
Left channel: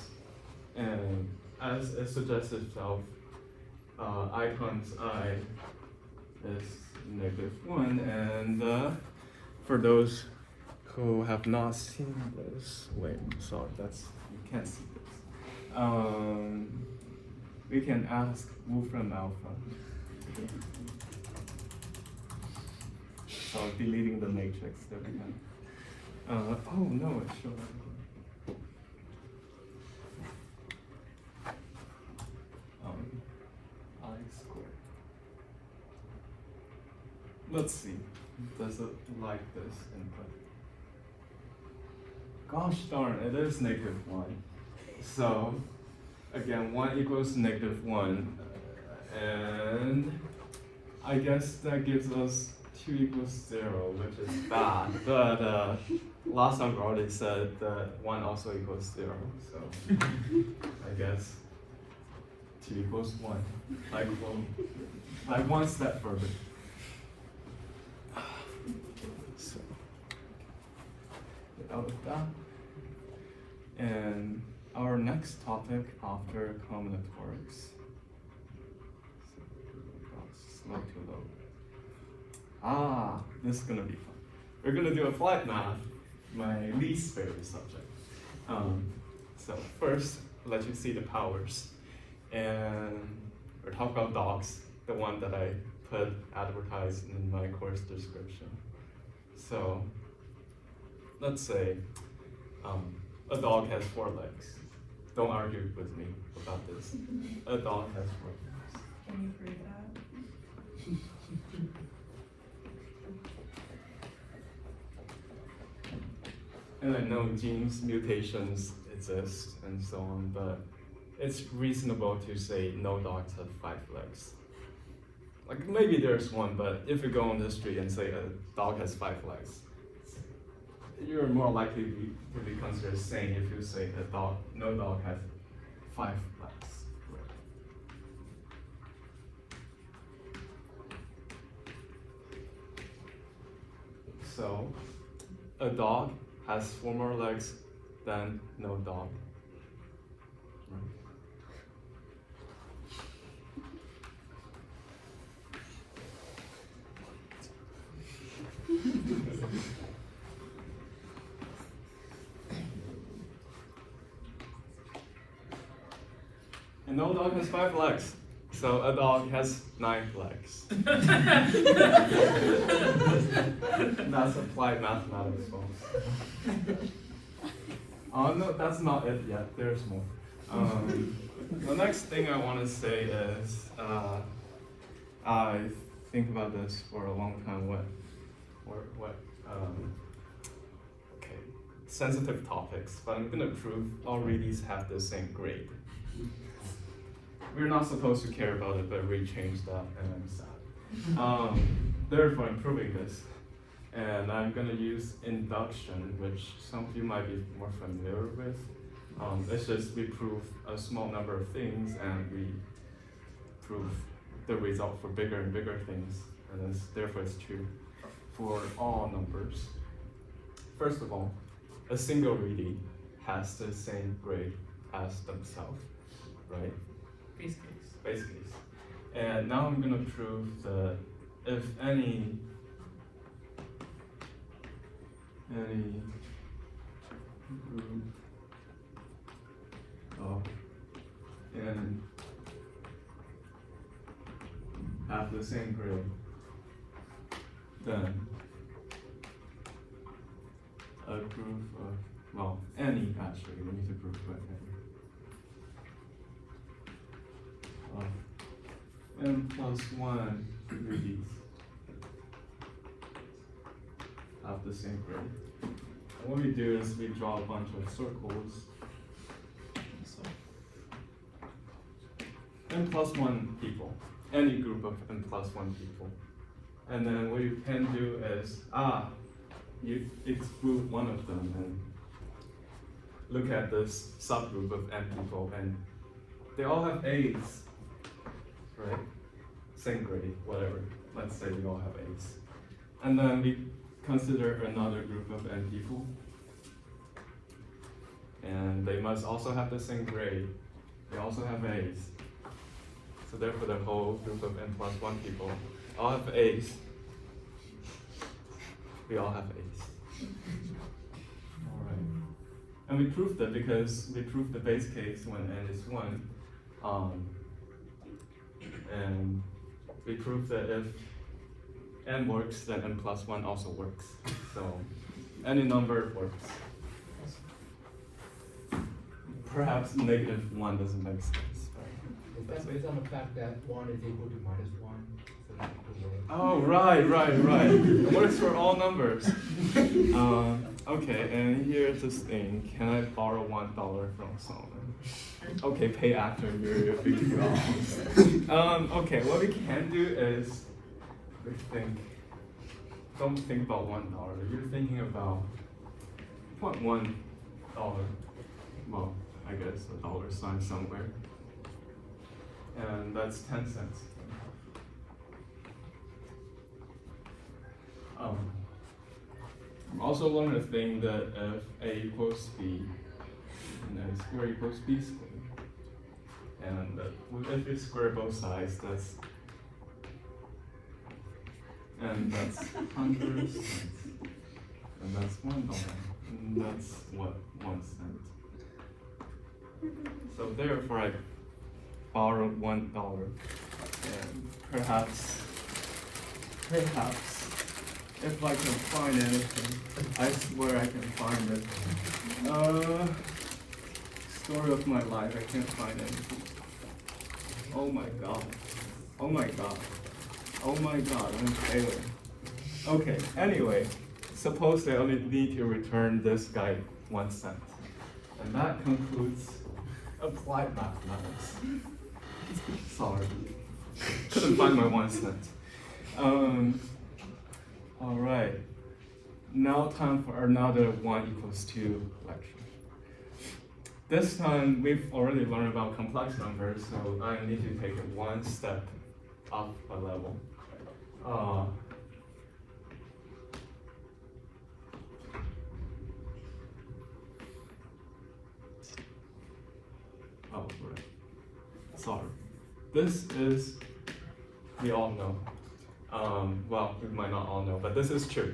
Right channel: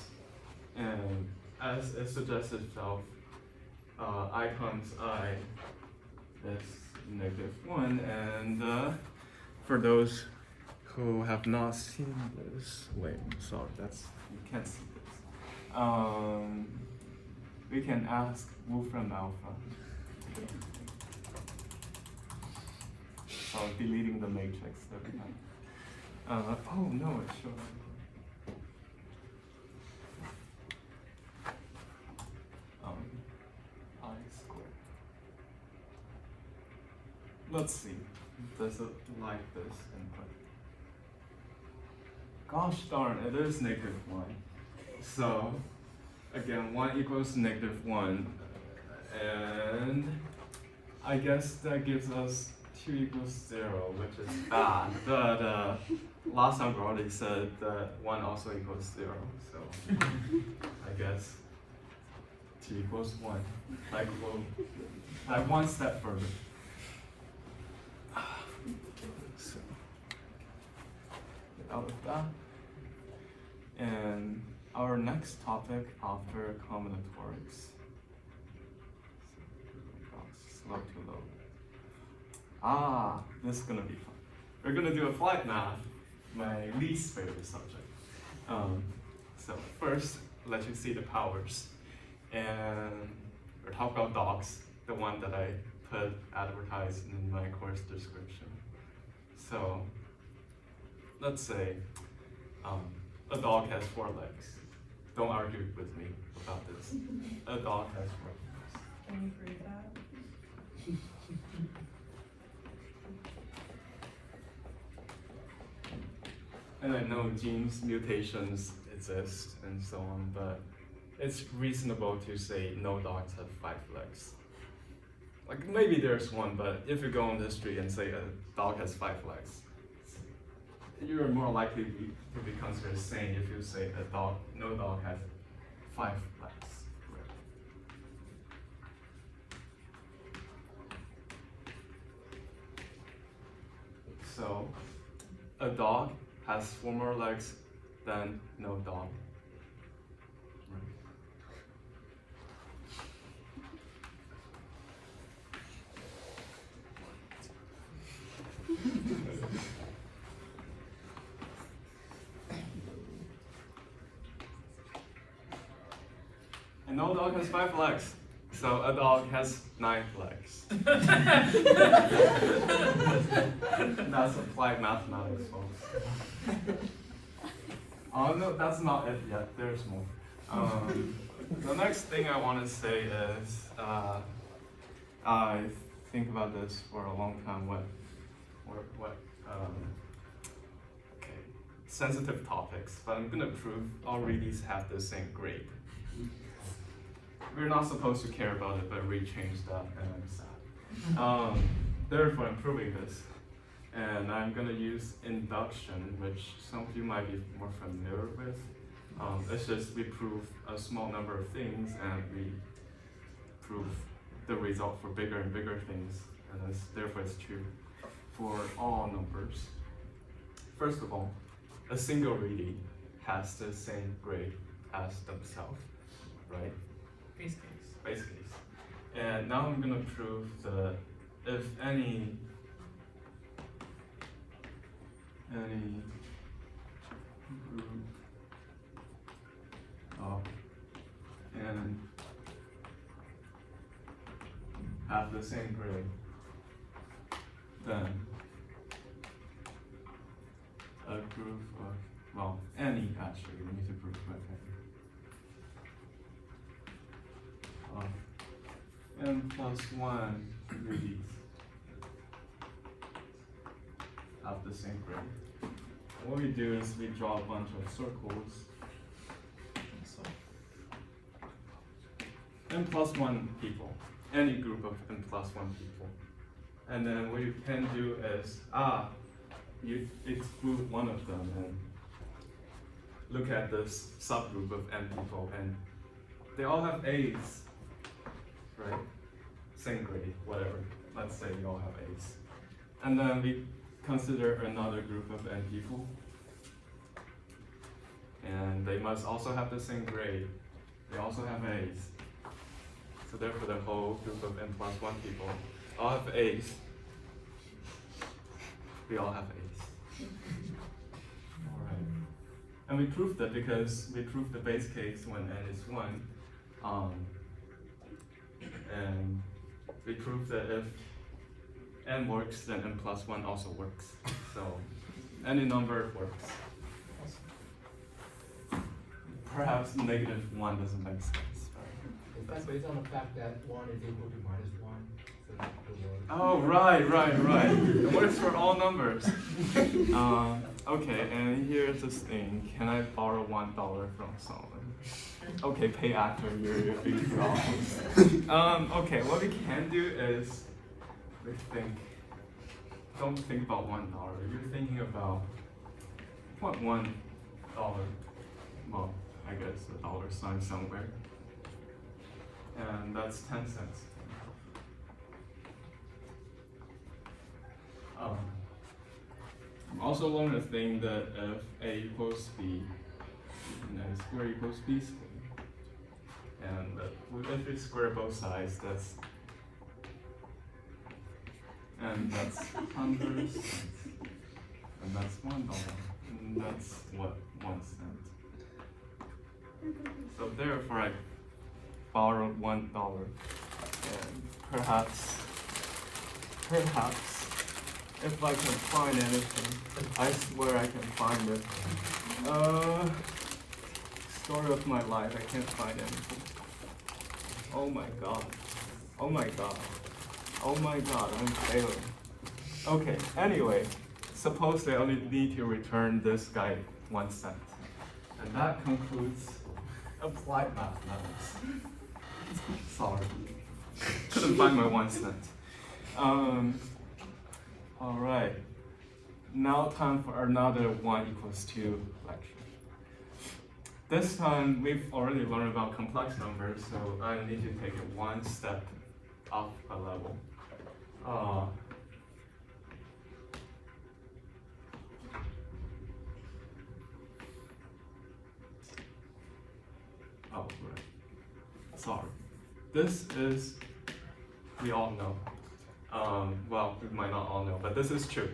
and as it suggests itself, I times I is -1, and for those who have not seen this, wait, sorry, you can't see this. We can ask Wolfram Alpha. So deleting the matrix, there we go. Oh no, it's showing. I squared. Let's see, does it like this input? Gosh darn, it is -1. So, again, 1 equals -1, and I guess that gives us 2 equals 0, which is bad, but last time we already said that 1 also equals 0, so I guess 2 equals 1, like one step further. So, get out of that. And our next topic after combinatorics. Slow to low. This is gonna be fun. We're gonna do applied math, my least favorite subject. So first, let you see the powers. And we're talking about dogs, the one that I put advertised in my course description. So let's say a dog has 4 legs. Don't argue with me about this. A dog has 4 legs. Can you prove that? And I know genes mutations exist and so on, but it's reasonable to say no dogs have 5 legs. Like maybe there's one, but if you go on the street and say a dog has 5 legs, you're more likely to be considered sane if you say no dog has 5 legs. So, a dog has 4 more legs than no dog. And no dog has 5 legs. So a dog has 9 legs. That's applied mathematics, folks. Oh no, that's not it yet. There's more. The next thing I want to say is I think about this for a long time. Okay, sensitive topics, but I'm gonna prove all Reedies have the same grade. We're not supposed to care about it, but Reed changed that, and I'm sad. Therefore, I'm proving this, and I'm gonna use induction, which some of you might be more familiar with. It's just we prove a small number of things, and we prove the result for bigger and bigger things, and therefore it's true for all numbers. First of all, a single Reedie has the same grade as themselves, right? Base case. And now I'm gonna prove that if any group of n have the same grade, then a group of, well, any actually, we need to prove what n plus 1 Reedies have the same grade. And what we do is we draw a bunch of circles. N plus 1 people, any group of n plus 1 people. And then what you can do is, you exclude one of them and look at this subgroup of n people, and they all have A's, right? Same grade, whatever. Let's say we all have A's. And then we consider another group of n people, and they must also have the same grade. They also have A's. So therefore the whole group of n plus 1 people all have A's. We all have A's. Alright. And we proved that because we proved the base case when n is 1. And we proved that if n works, then n plus 1 also works. So any number works. Perhaps negative 1 doesn't make sense. That's based on the fact that 1 is equal to minus 1. So it works. Oh, right. It works for all numbers. Okay, and here's this thing. Can I borrow $1 from someone? Okay, pay after your $3. Okay, what we can do is we think. Don't think about $1. You're thinking about $1. Well, I guess a dollar sign somewhere. And that's 10 cents. I'm also learned a thing that if A equals B, then square equals B squared. And if we square both sides, that's 100 cents. And that's $1. And that's what, 1 cent. So therefore I borrow $1, and perhaps, if I can find anything, I swear I can find it. Story of my life, I can't find anything. Oh my god, I'm failing. Okay, anyway, suppose I only need to return this guy 1 cent. And that concludes applied mathematics. Sorry. Couldn't find my 1 cent. Alright. Now time for another 1 equals 2 lecture. This time we've already learned about complex numbers, so I need to take it 1 step up a level. Oh, right. Sorry. This is, we all know. Well, we might not all know, but this is true.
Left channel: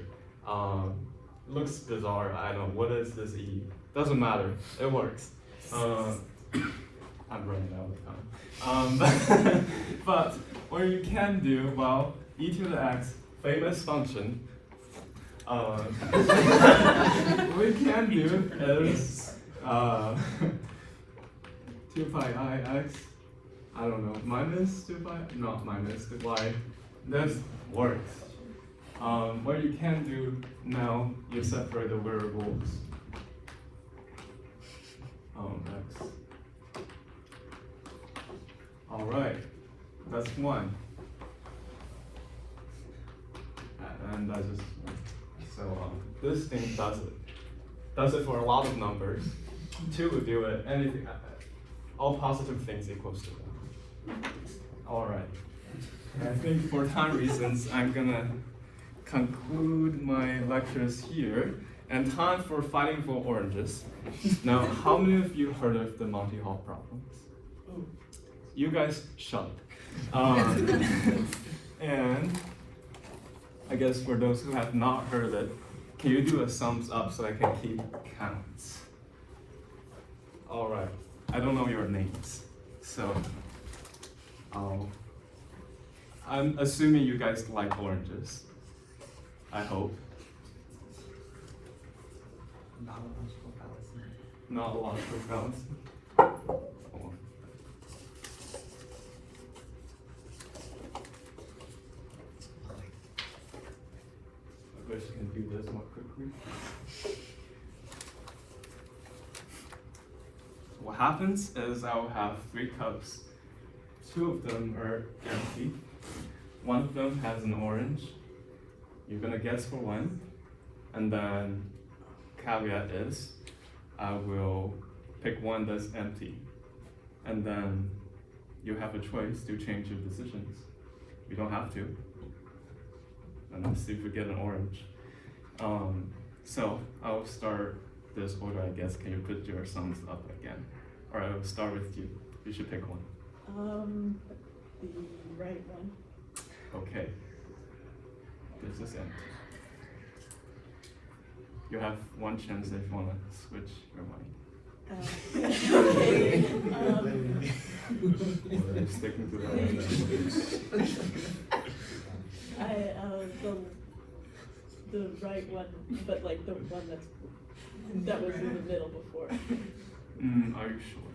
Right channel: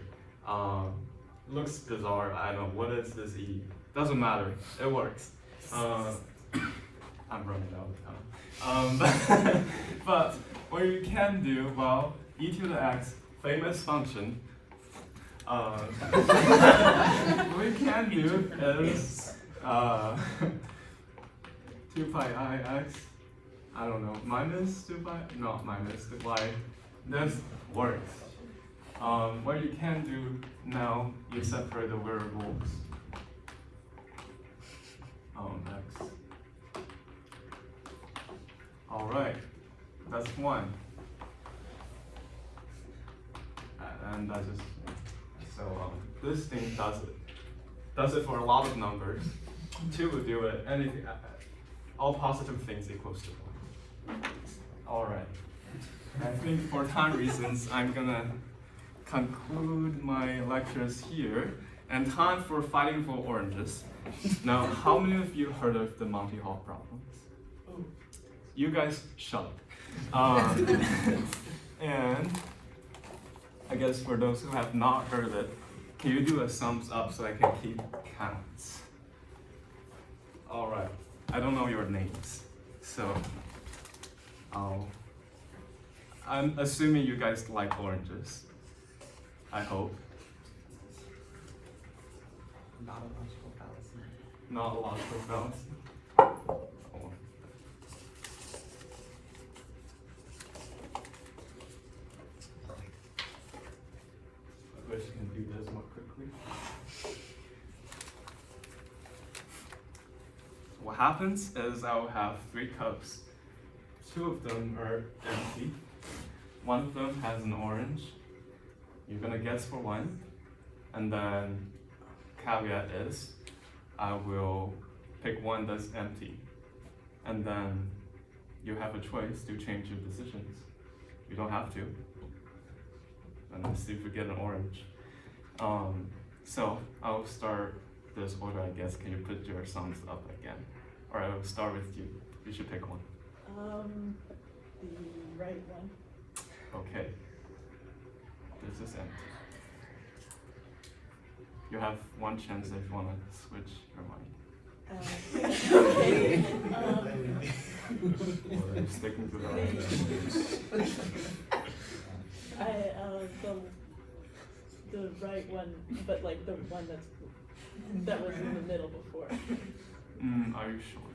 Looks bizarre, I know. What is this E? Doesn't matter, it works. I I'm running out of time. But what you can do, well, e to the x, famous function, what we can do is 2 pi I x, I don't know, minus 2 pi, not minus 2 pi, this works. What you can do now, you separate the variables. X. All right, that's one. And that's just, so this thing does it. Does it for a lot of numbers. 2 would do it, anything, all positive things equals to 1. All right. I think for time reasons, I'm gonna conclude my lectures here, and time for fighting for oranges. Now, how many of you heard of the Monty Hall problems? You guys shut up. And I guess for those who have not heard of it, can you do a thumbs up so I can keep counts? All right. I don't know your names, so I'm assuming you guys like oranges. I hope. Not a lot of fallacy. I wish I can do this more quickly. What happens is I'll have 3 cups. 2 of them are empty. 1 of them has an orange. You're gonna guess for 1. And then caveat is I will pick 1 that's empty. And then you have a choice to change your decisions. You don't have to. And then see if you get an orange. So I'll start this order, I guess. Can you put your thumbs up again? Or I'll start with you. You should pick 1. The right one. Okay. This is empty. You have 1 chance if you want to switch your mind. Okay. Or are you sticking to the the right one, but like the one that was in the middle before. Are you sure?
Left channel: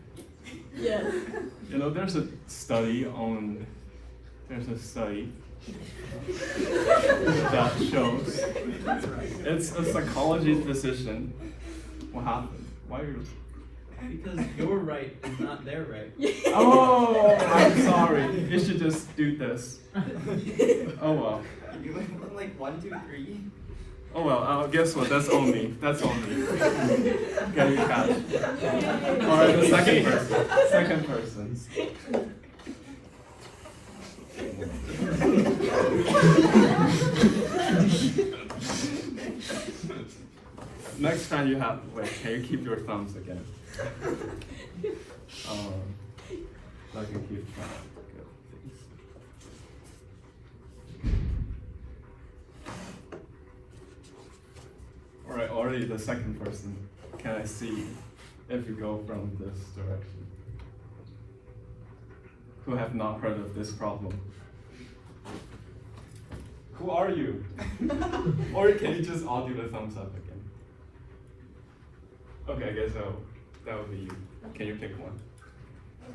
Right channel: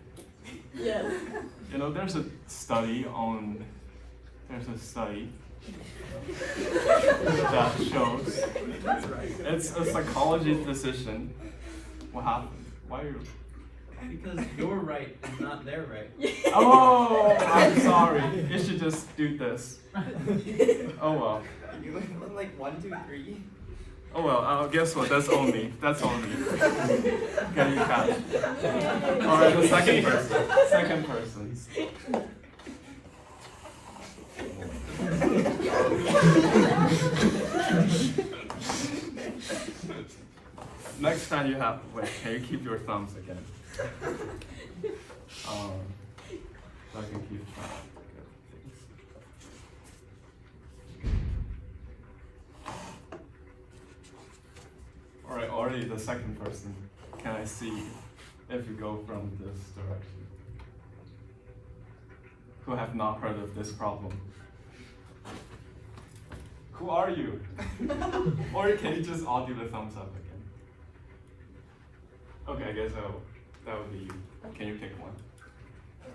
Yeah. You know, there's a study that shows it's a psychology physician. What happened? Why are you? Because your right is not their right. Oh, I'm sorry. You should just do this. Oh well. You went like 1, 2, 3. Oh well. Guess what? That's on me. That's on me. Can you catch? All right, the second person. Second person. Next time you have, wait, can you keep your thumbs again? Let me keep good things. Alright, already the second person. Can I see if you go from this direction? Who have not heard of this problem? Who are you? Or can you just all do the thumbs up again? Okay, I guess that would be you. Can you pick 1?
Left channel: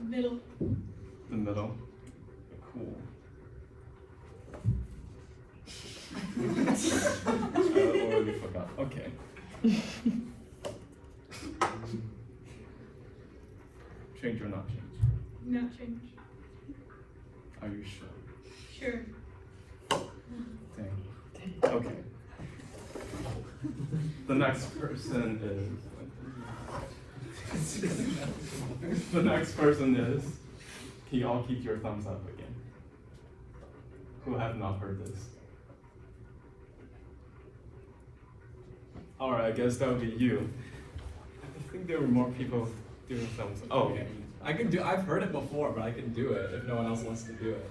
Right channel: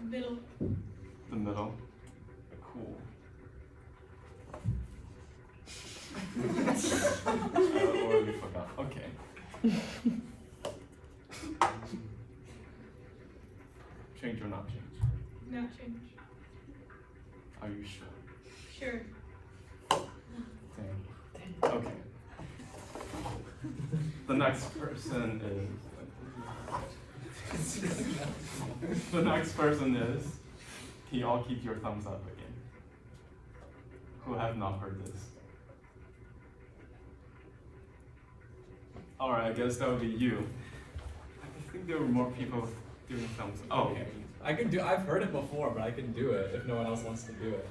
Middle. The middle. Cool. I already forgot. Okay. Change or not change? Not change. Are you sure? Sure. Dang. Okay. The next person is. The next person is. Can you all keep your thumbs up again? Who have not heard this? Alright, I guess that would be you. I think there were more people doing thumbs up. Oh. I've heard it before, but I can do it if no one else wants to do it.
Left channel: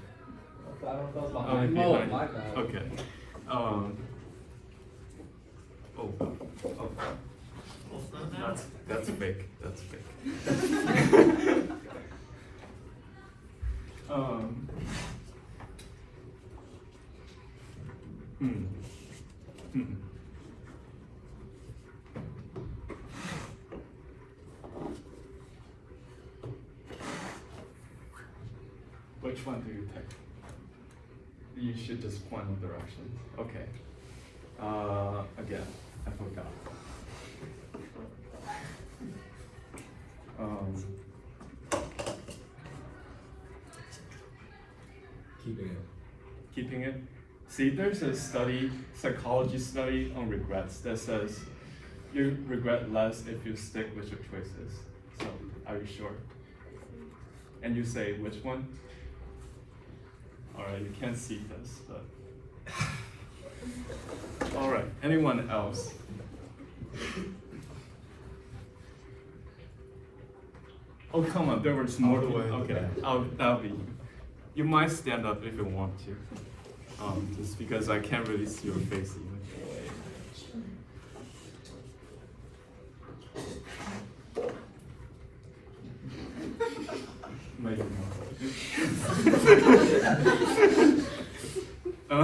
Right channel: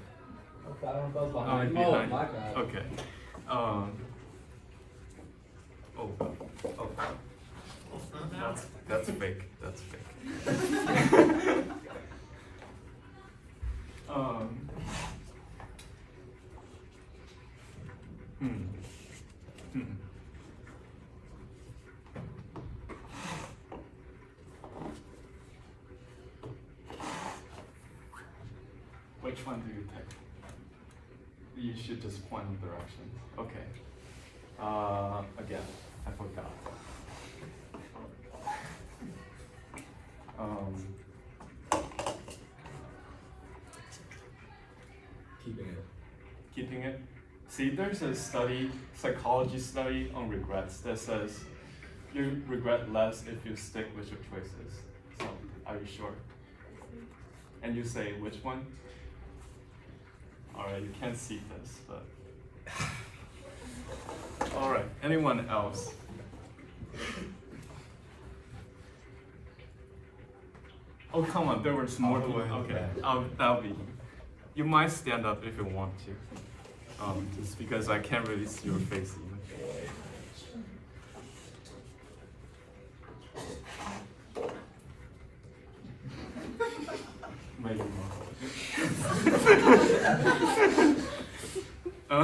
Oh, behind. Okay. Oh. That's fake. That's fake. Which one do you pick? You should just point in direction. Okay. Again, I forgot. Keeping it. Keeping it. See, there's a study, psychology study on regrets that says you regret less if you stick with your choices. So, are you sure? And you say which one? Alright, you can't see this, but. Alright, anyone else? Oh, come on, there was more people. Okay, that'll be. You might stand up if you want to. Just because I can't really see your face even. Maybe not. I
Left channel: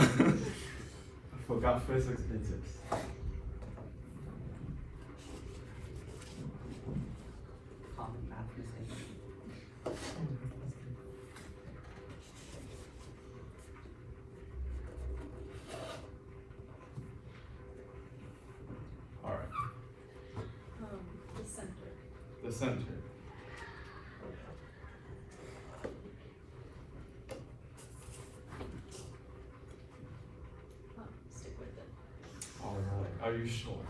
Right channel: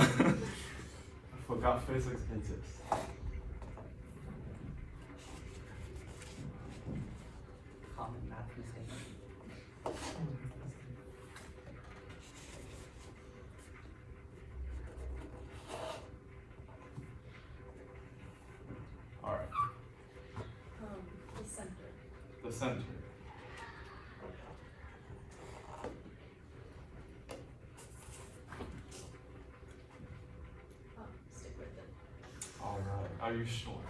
forgot physics basics. All right. The center. The center. Stick with it. All right. Are you sure?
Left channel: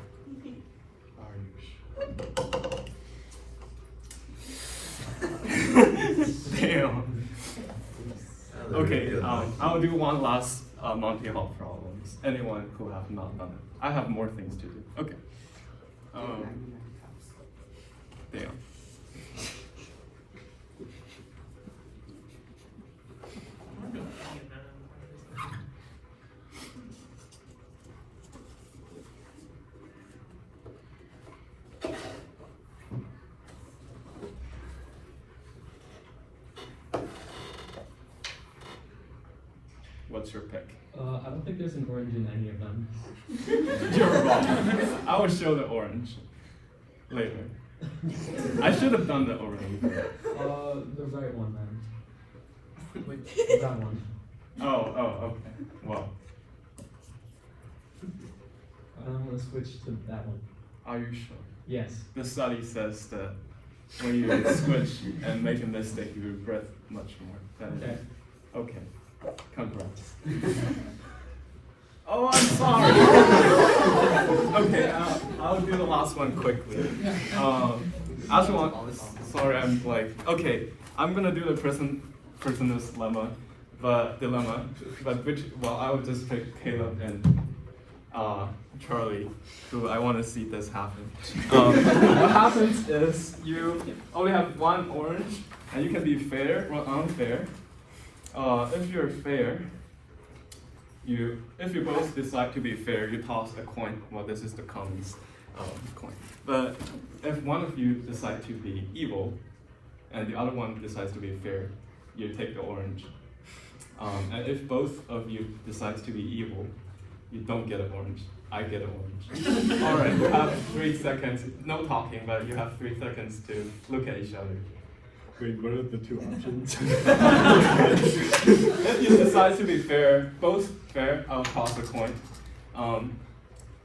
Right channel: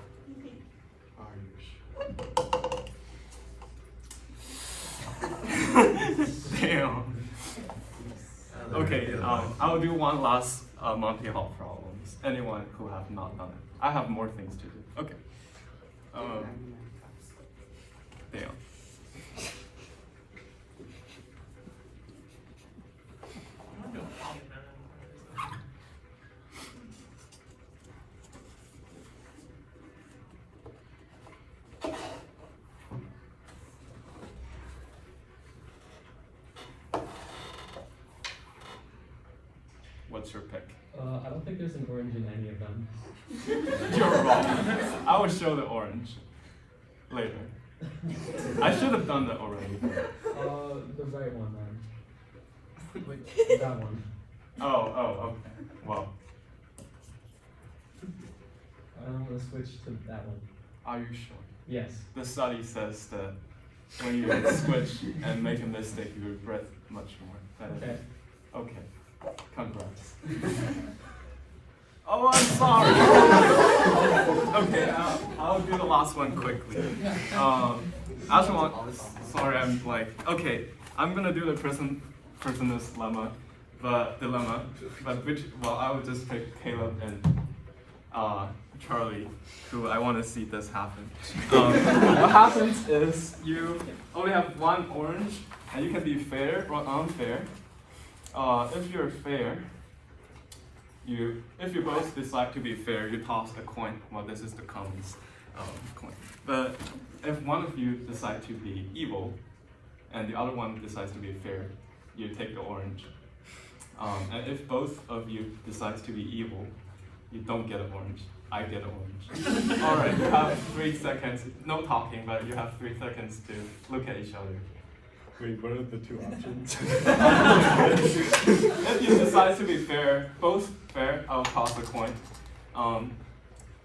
Are you sure? Damn. Okay. I'll do one last Monty Hall problems. Anyone who have not done it. I have more things to do. Okay. Damn. What's your pick? I don't think there's an orange in any of them. You're wrong. I will show the orange later. I should have done that already. The right one then. That one. Oh, okay. Well, I'm gonna switch to that one. are you sure? Yes. The study says that when you switch and make a mistake, you regret much more. Okay. Okay. Congrats. Oh, I'm sorry. Okay, I'll do the last one quickly. Actually, sorry, I'm like, okay, I'm gonna do the person's dilemma, but I'll just pick Caleb and Charlie, who I want to see this happen. What happens is you only have one orange, and you can be fair or unfair. If you're fair, if you both decide to be fair, you toss a coin. Well, this is the commons coin. But if one of you decide to be evil, and the other one decides to be fair, you take the orange. And if both of you decide to be evil, you don't get an orange. I get an orange. All right, you have 3 seconds. No talking, but you have 3 seconds to look at each other. Wait, what are the two options? If you decide to be fair, both fair, I'll toss a coin.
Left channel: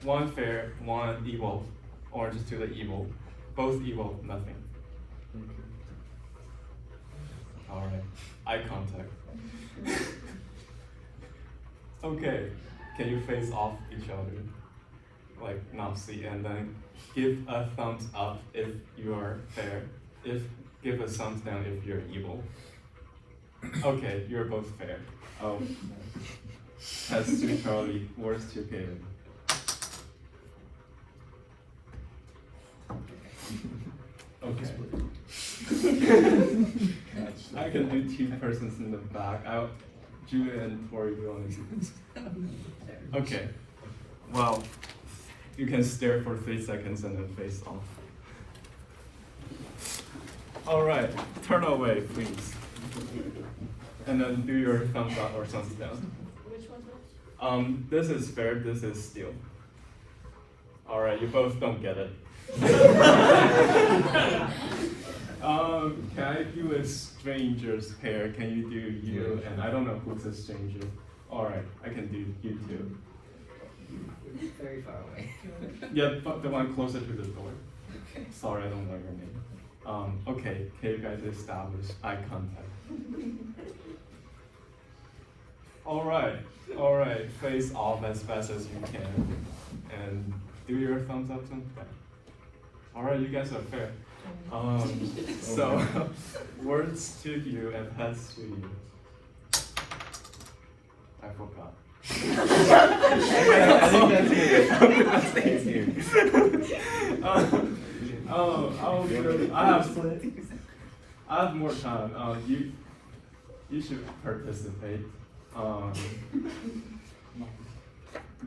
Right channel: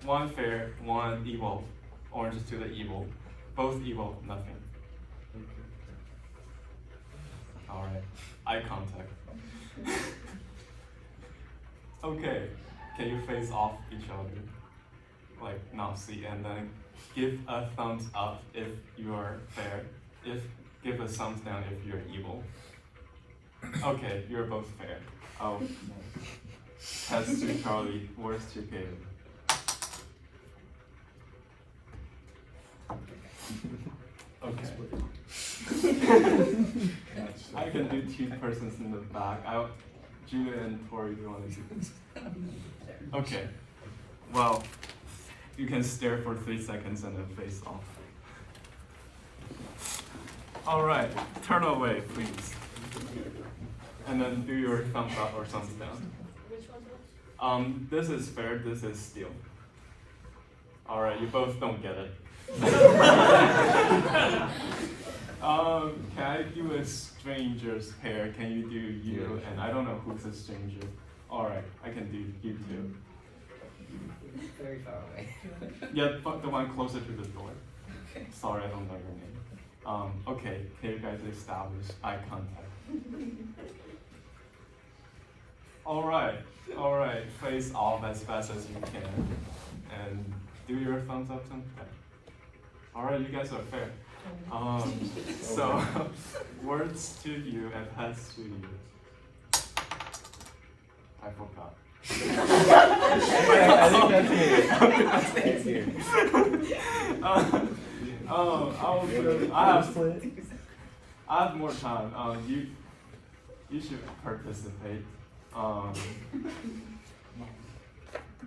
One fair, one evil. Orange to the evil. Both evil, nothing. Alright, eye contact. Okay, can you face off each other? Like, not see, and then give a thumbs up if you're fair. Give a thumbs down if you're evil. Okay, you're both fair. Test to Charlie, worst to Caleb. Okay. I can do 2 persons in the back. Julia and Tori, you want to do this? Okay. Well, you can stare for 3 seconds and then face off. All right, turn away, please. And then do your thumbs up or thumbs down. Which one's This is fair, this is steal. All right, you both don't get it. Can I do a stranger's pair? Can you do you? And I don't know who's a stranger. Alright, I can do you too. Very far away. Yeah, but the one closer to the door. Sorry, I don't know your name. Okay, can you guys establish eye contact? Alright, face off as fast as you can. And do your thumbs up, thumbs down. Alright, you guys are fair. So, words to you and heads to you. I forgot. I have more time. You should participate.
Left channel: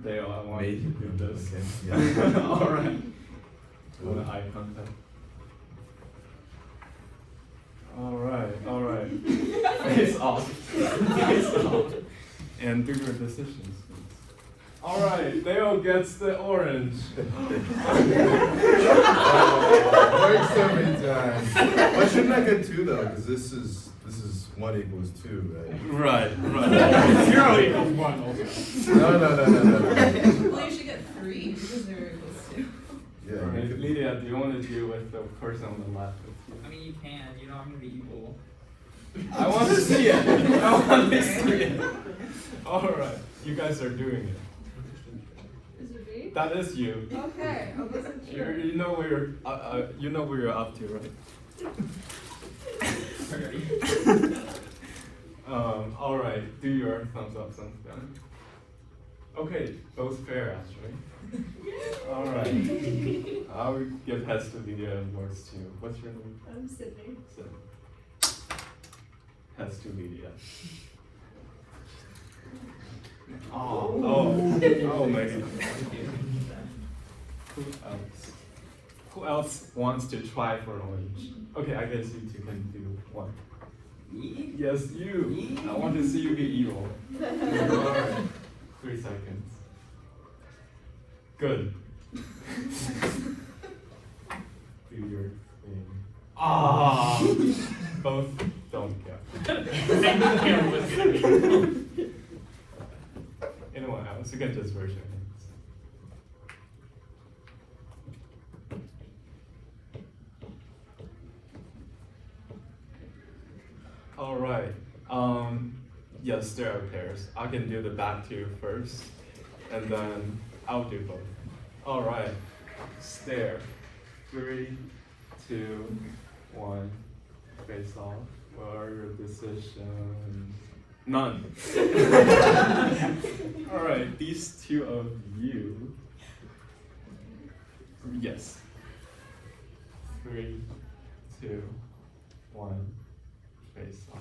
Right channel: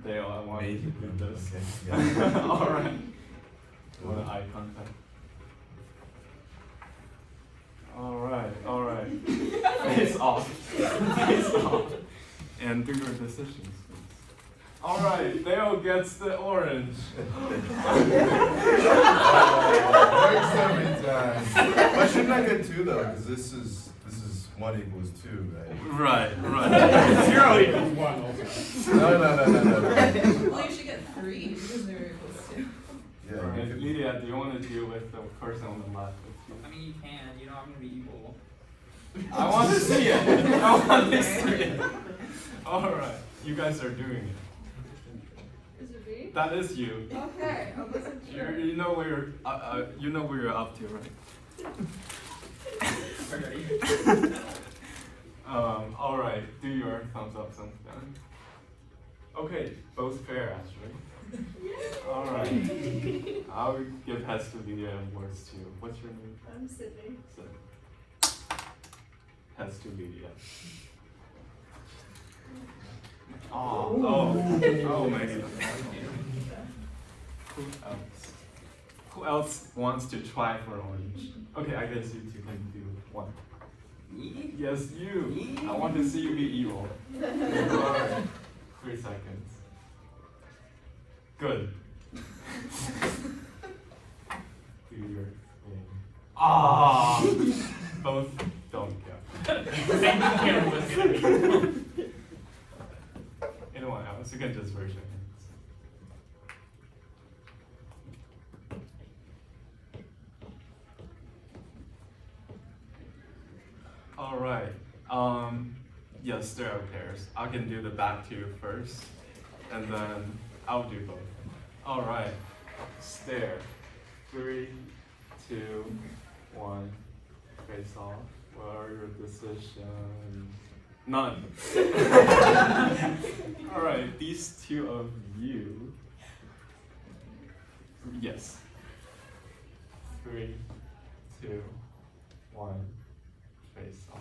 Dale, I want you to do this. All right. Eye contact. All right. Face off. Face off. And do your decisions, please. All right, Dale gets the orange. Why shouldn't I get 2 though? Because this is 1 equals 2, right? Right. 0 equals 1 also. No. Well, you should get 3 because 0 equals 2. Yeah. Lydia, do you want to deal with the person on the left with you? I mean, you can. You know, I'm gonna be evil. I want to see it. I want to see it. All right, you guys are doing it. Is it me? That is you. Okay, I wasn't sure. You know where you're up to, right? All right. Do your thumbs up, thumbs down. Okay, both fair actually. All right. I'll give heads to Lydia and yours too. What's your name? I'm Sydney. Sydney. Heads to Lydia. Oh, Megan. Who else wants to try for orange? Okay, I guess you two can do one. Me? Yes, you. I want to see you be evil. Alright. 3 seconds. Good. Do your thing. Both don't count. Anyone else? You can just raise your hands. All right. Yes, there are pairs. I can do the back two first, and then I'll do both. All right. Stare. 3, 2, 1. Face off. What are your decisions? None. All right. These two of you. Yes. 3, 2, 1. Face off.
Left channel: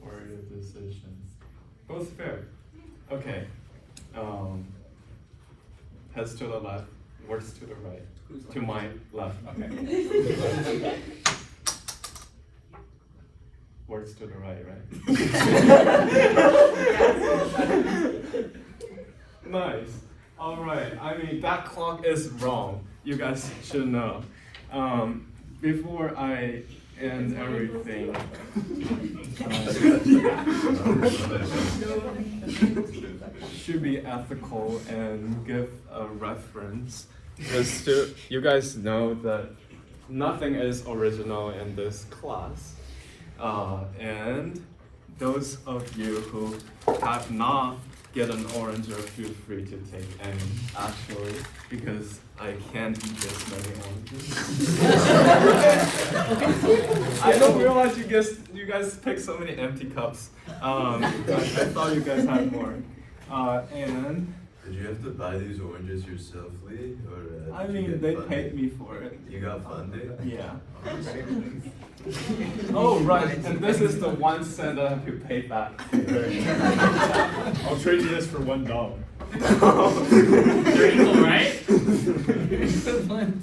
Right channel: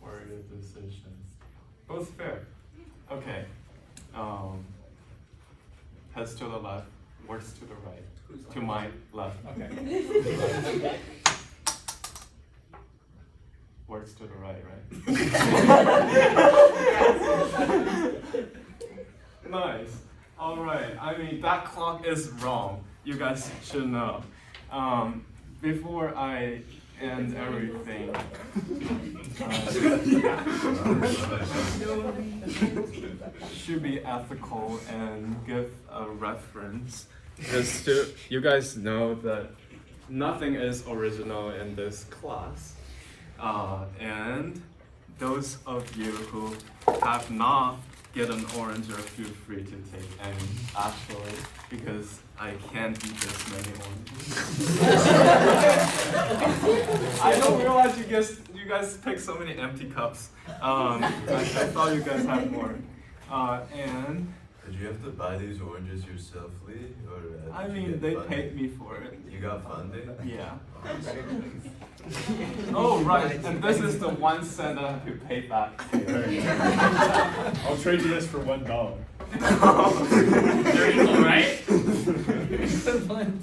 What are your decisions? Both fair. Okay. Heads to the left, words to the right. To my left. Okay. Words to the right, right? Nice. All right. I mean, that clock is wrong. You guys should know. Before I end everything, should be ethical and give a reference. Just to, you guys know that nothing is original in this class. And those of you who have not get an orange or feel free to take any, actually, because I can't eat this many oranges. I don't realize you guys picked so many empty cups. I thought you guys had more. And Did you have to buy these oranges yourself, Lee? Or, I did you mean, get they funded? paid me for it. You got funded? Yeah. Oh, right, and this is the 1 cent that I have to pay back. I'll trade you this for $1.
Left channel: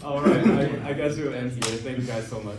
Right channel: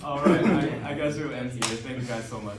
Alright, I guess we'll end here. Thank you guys so much.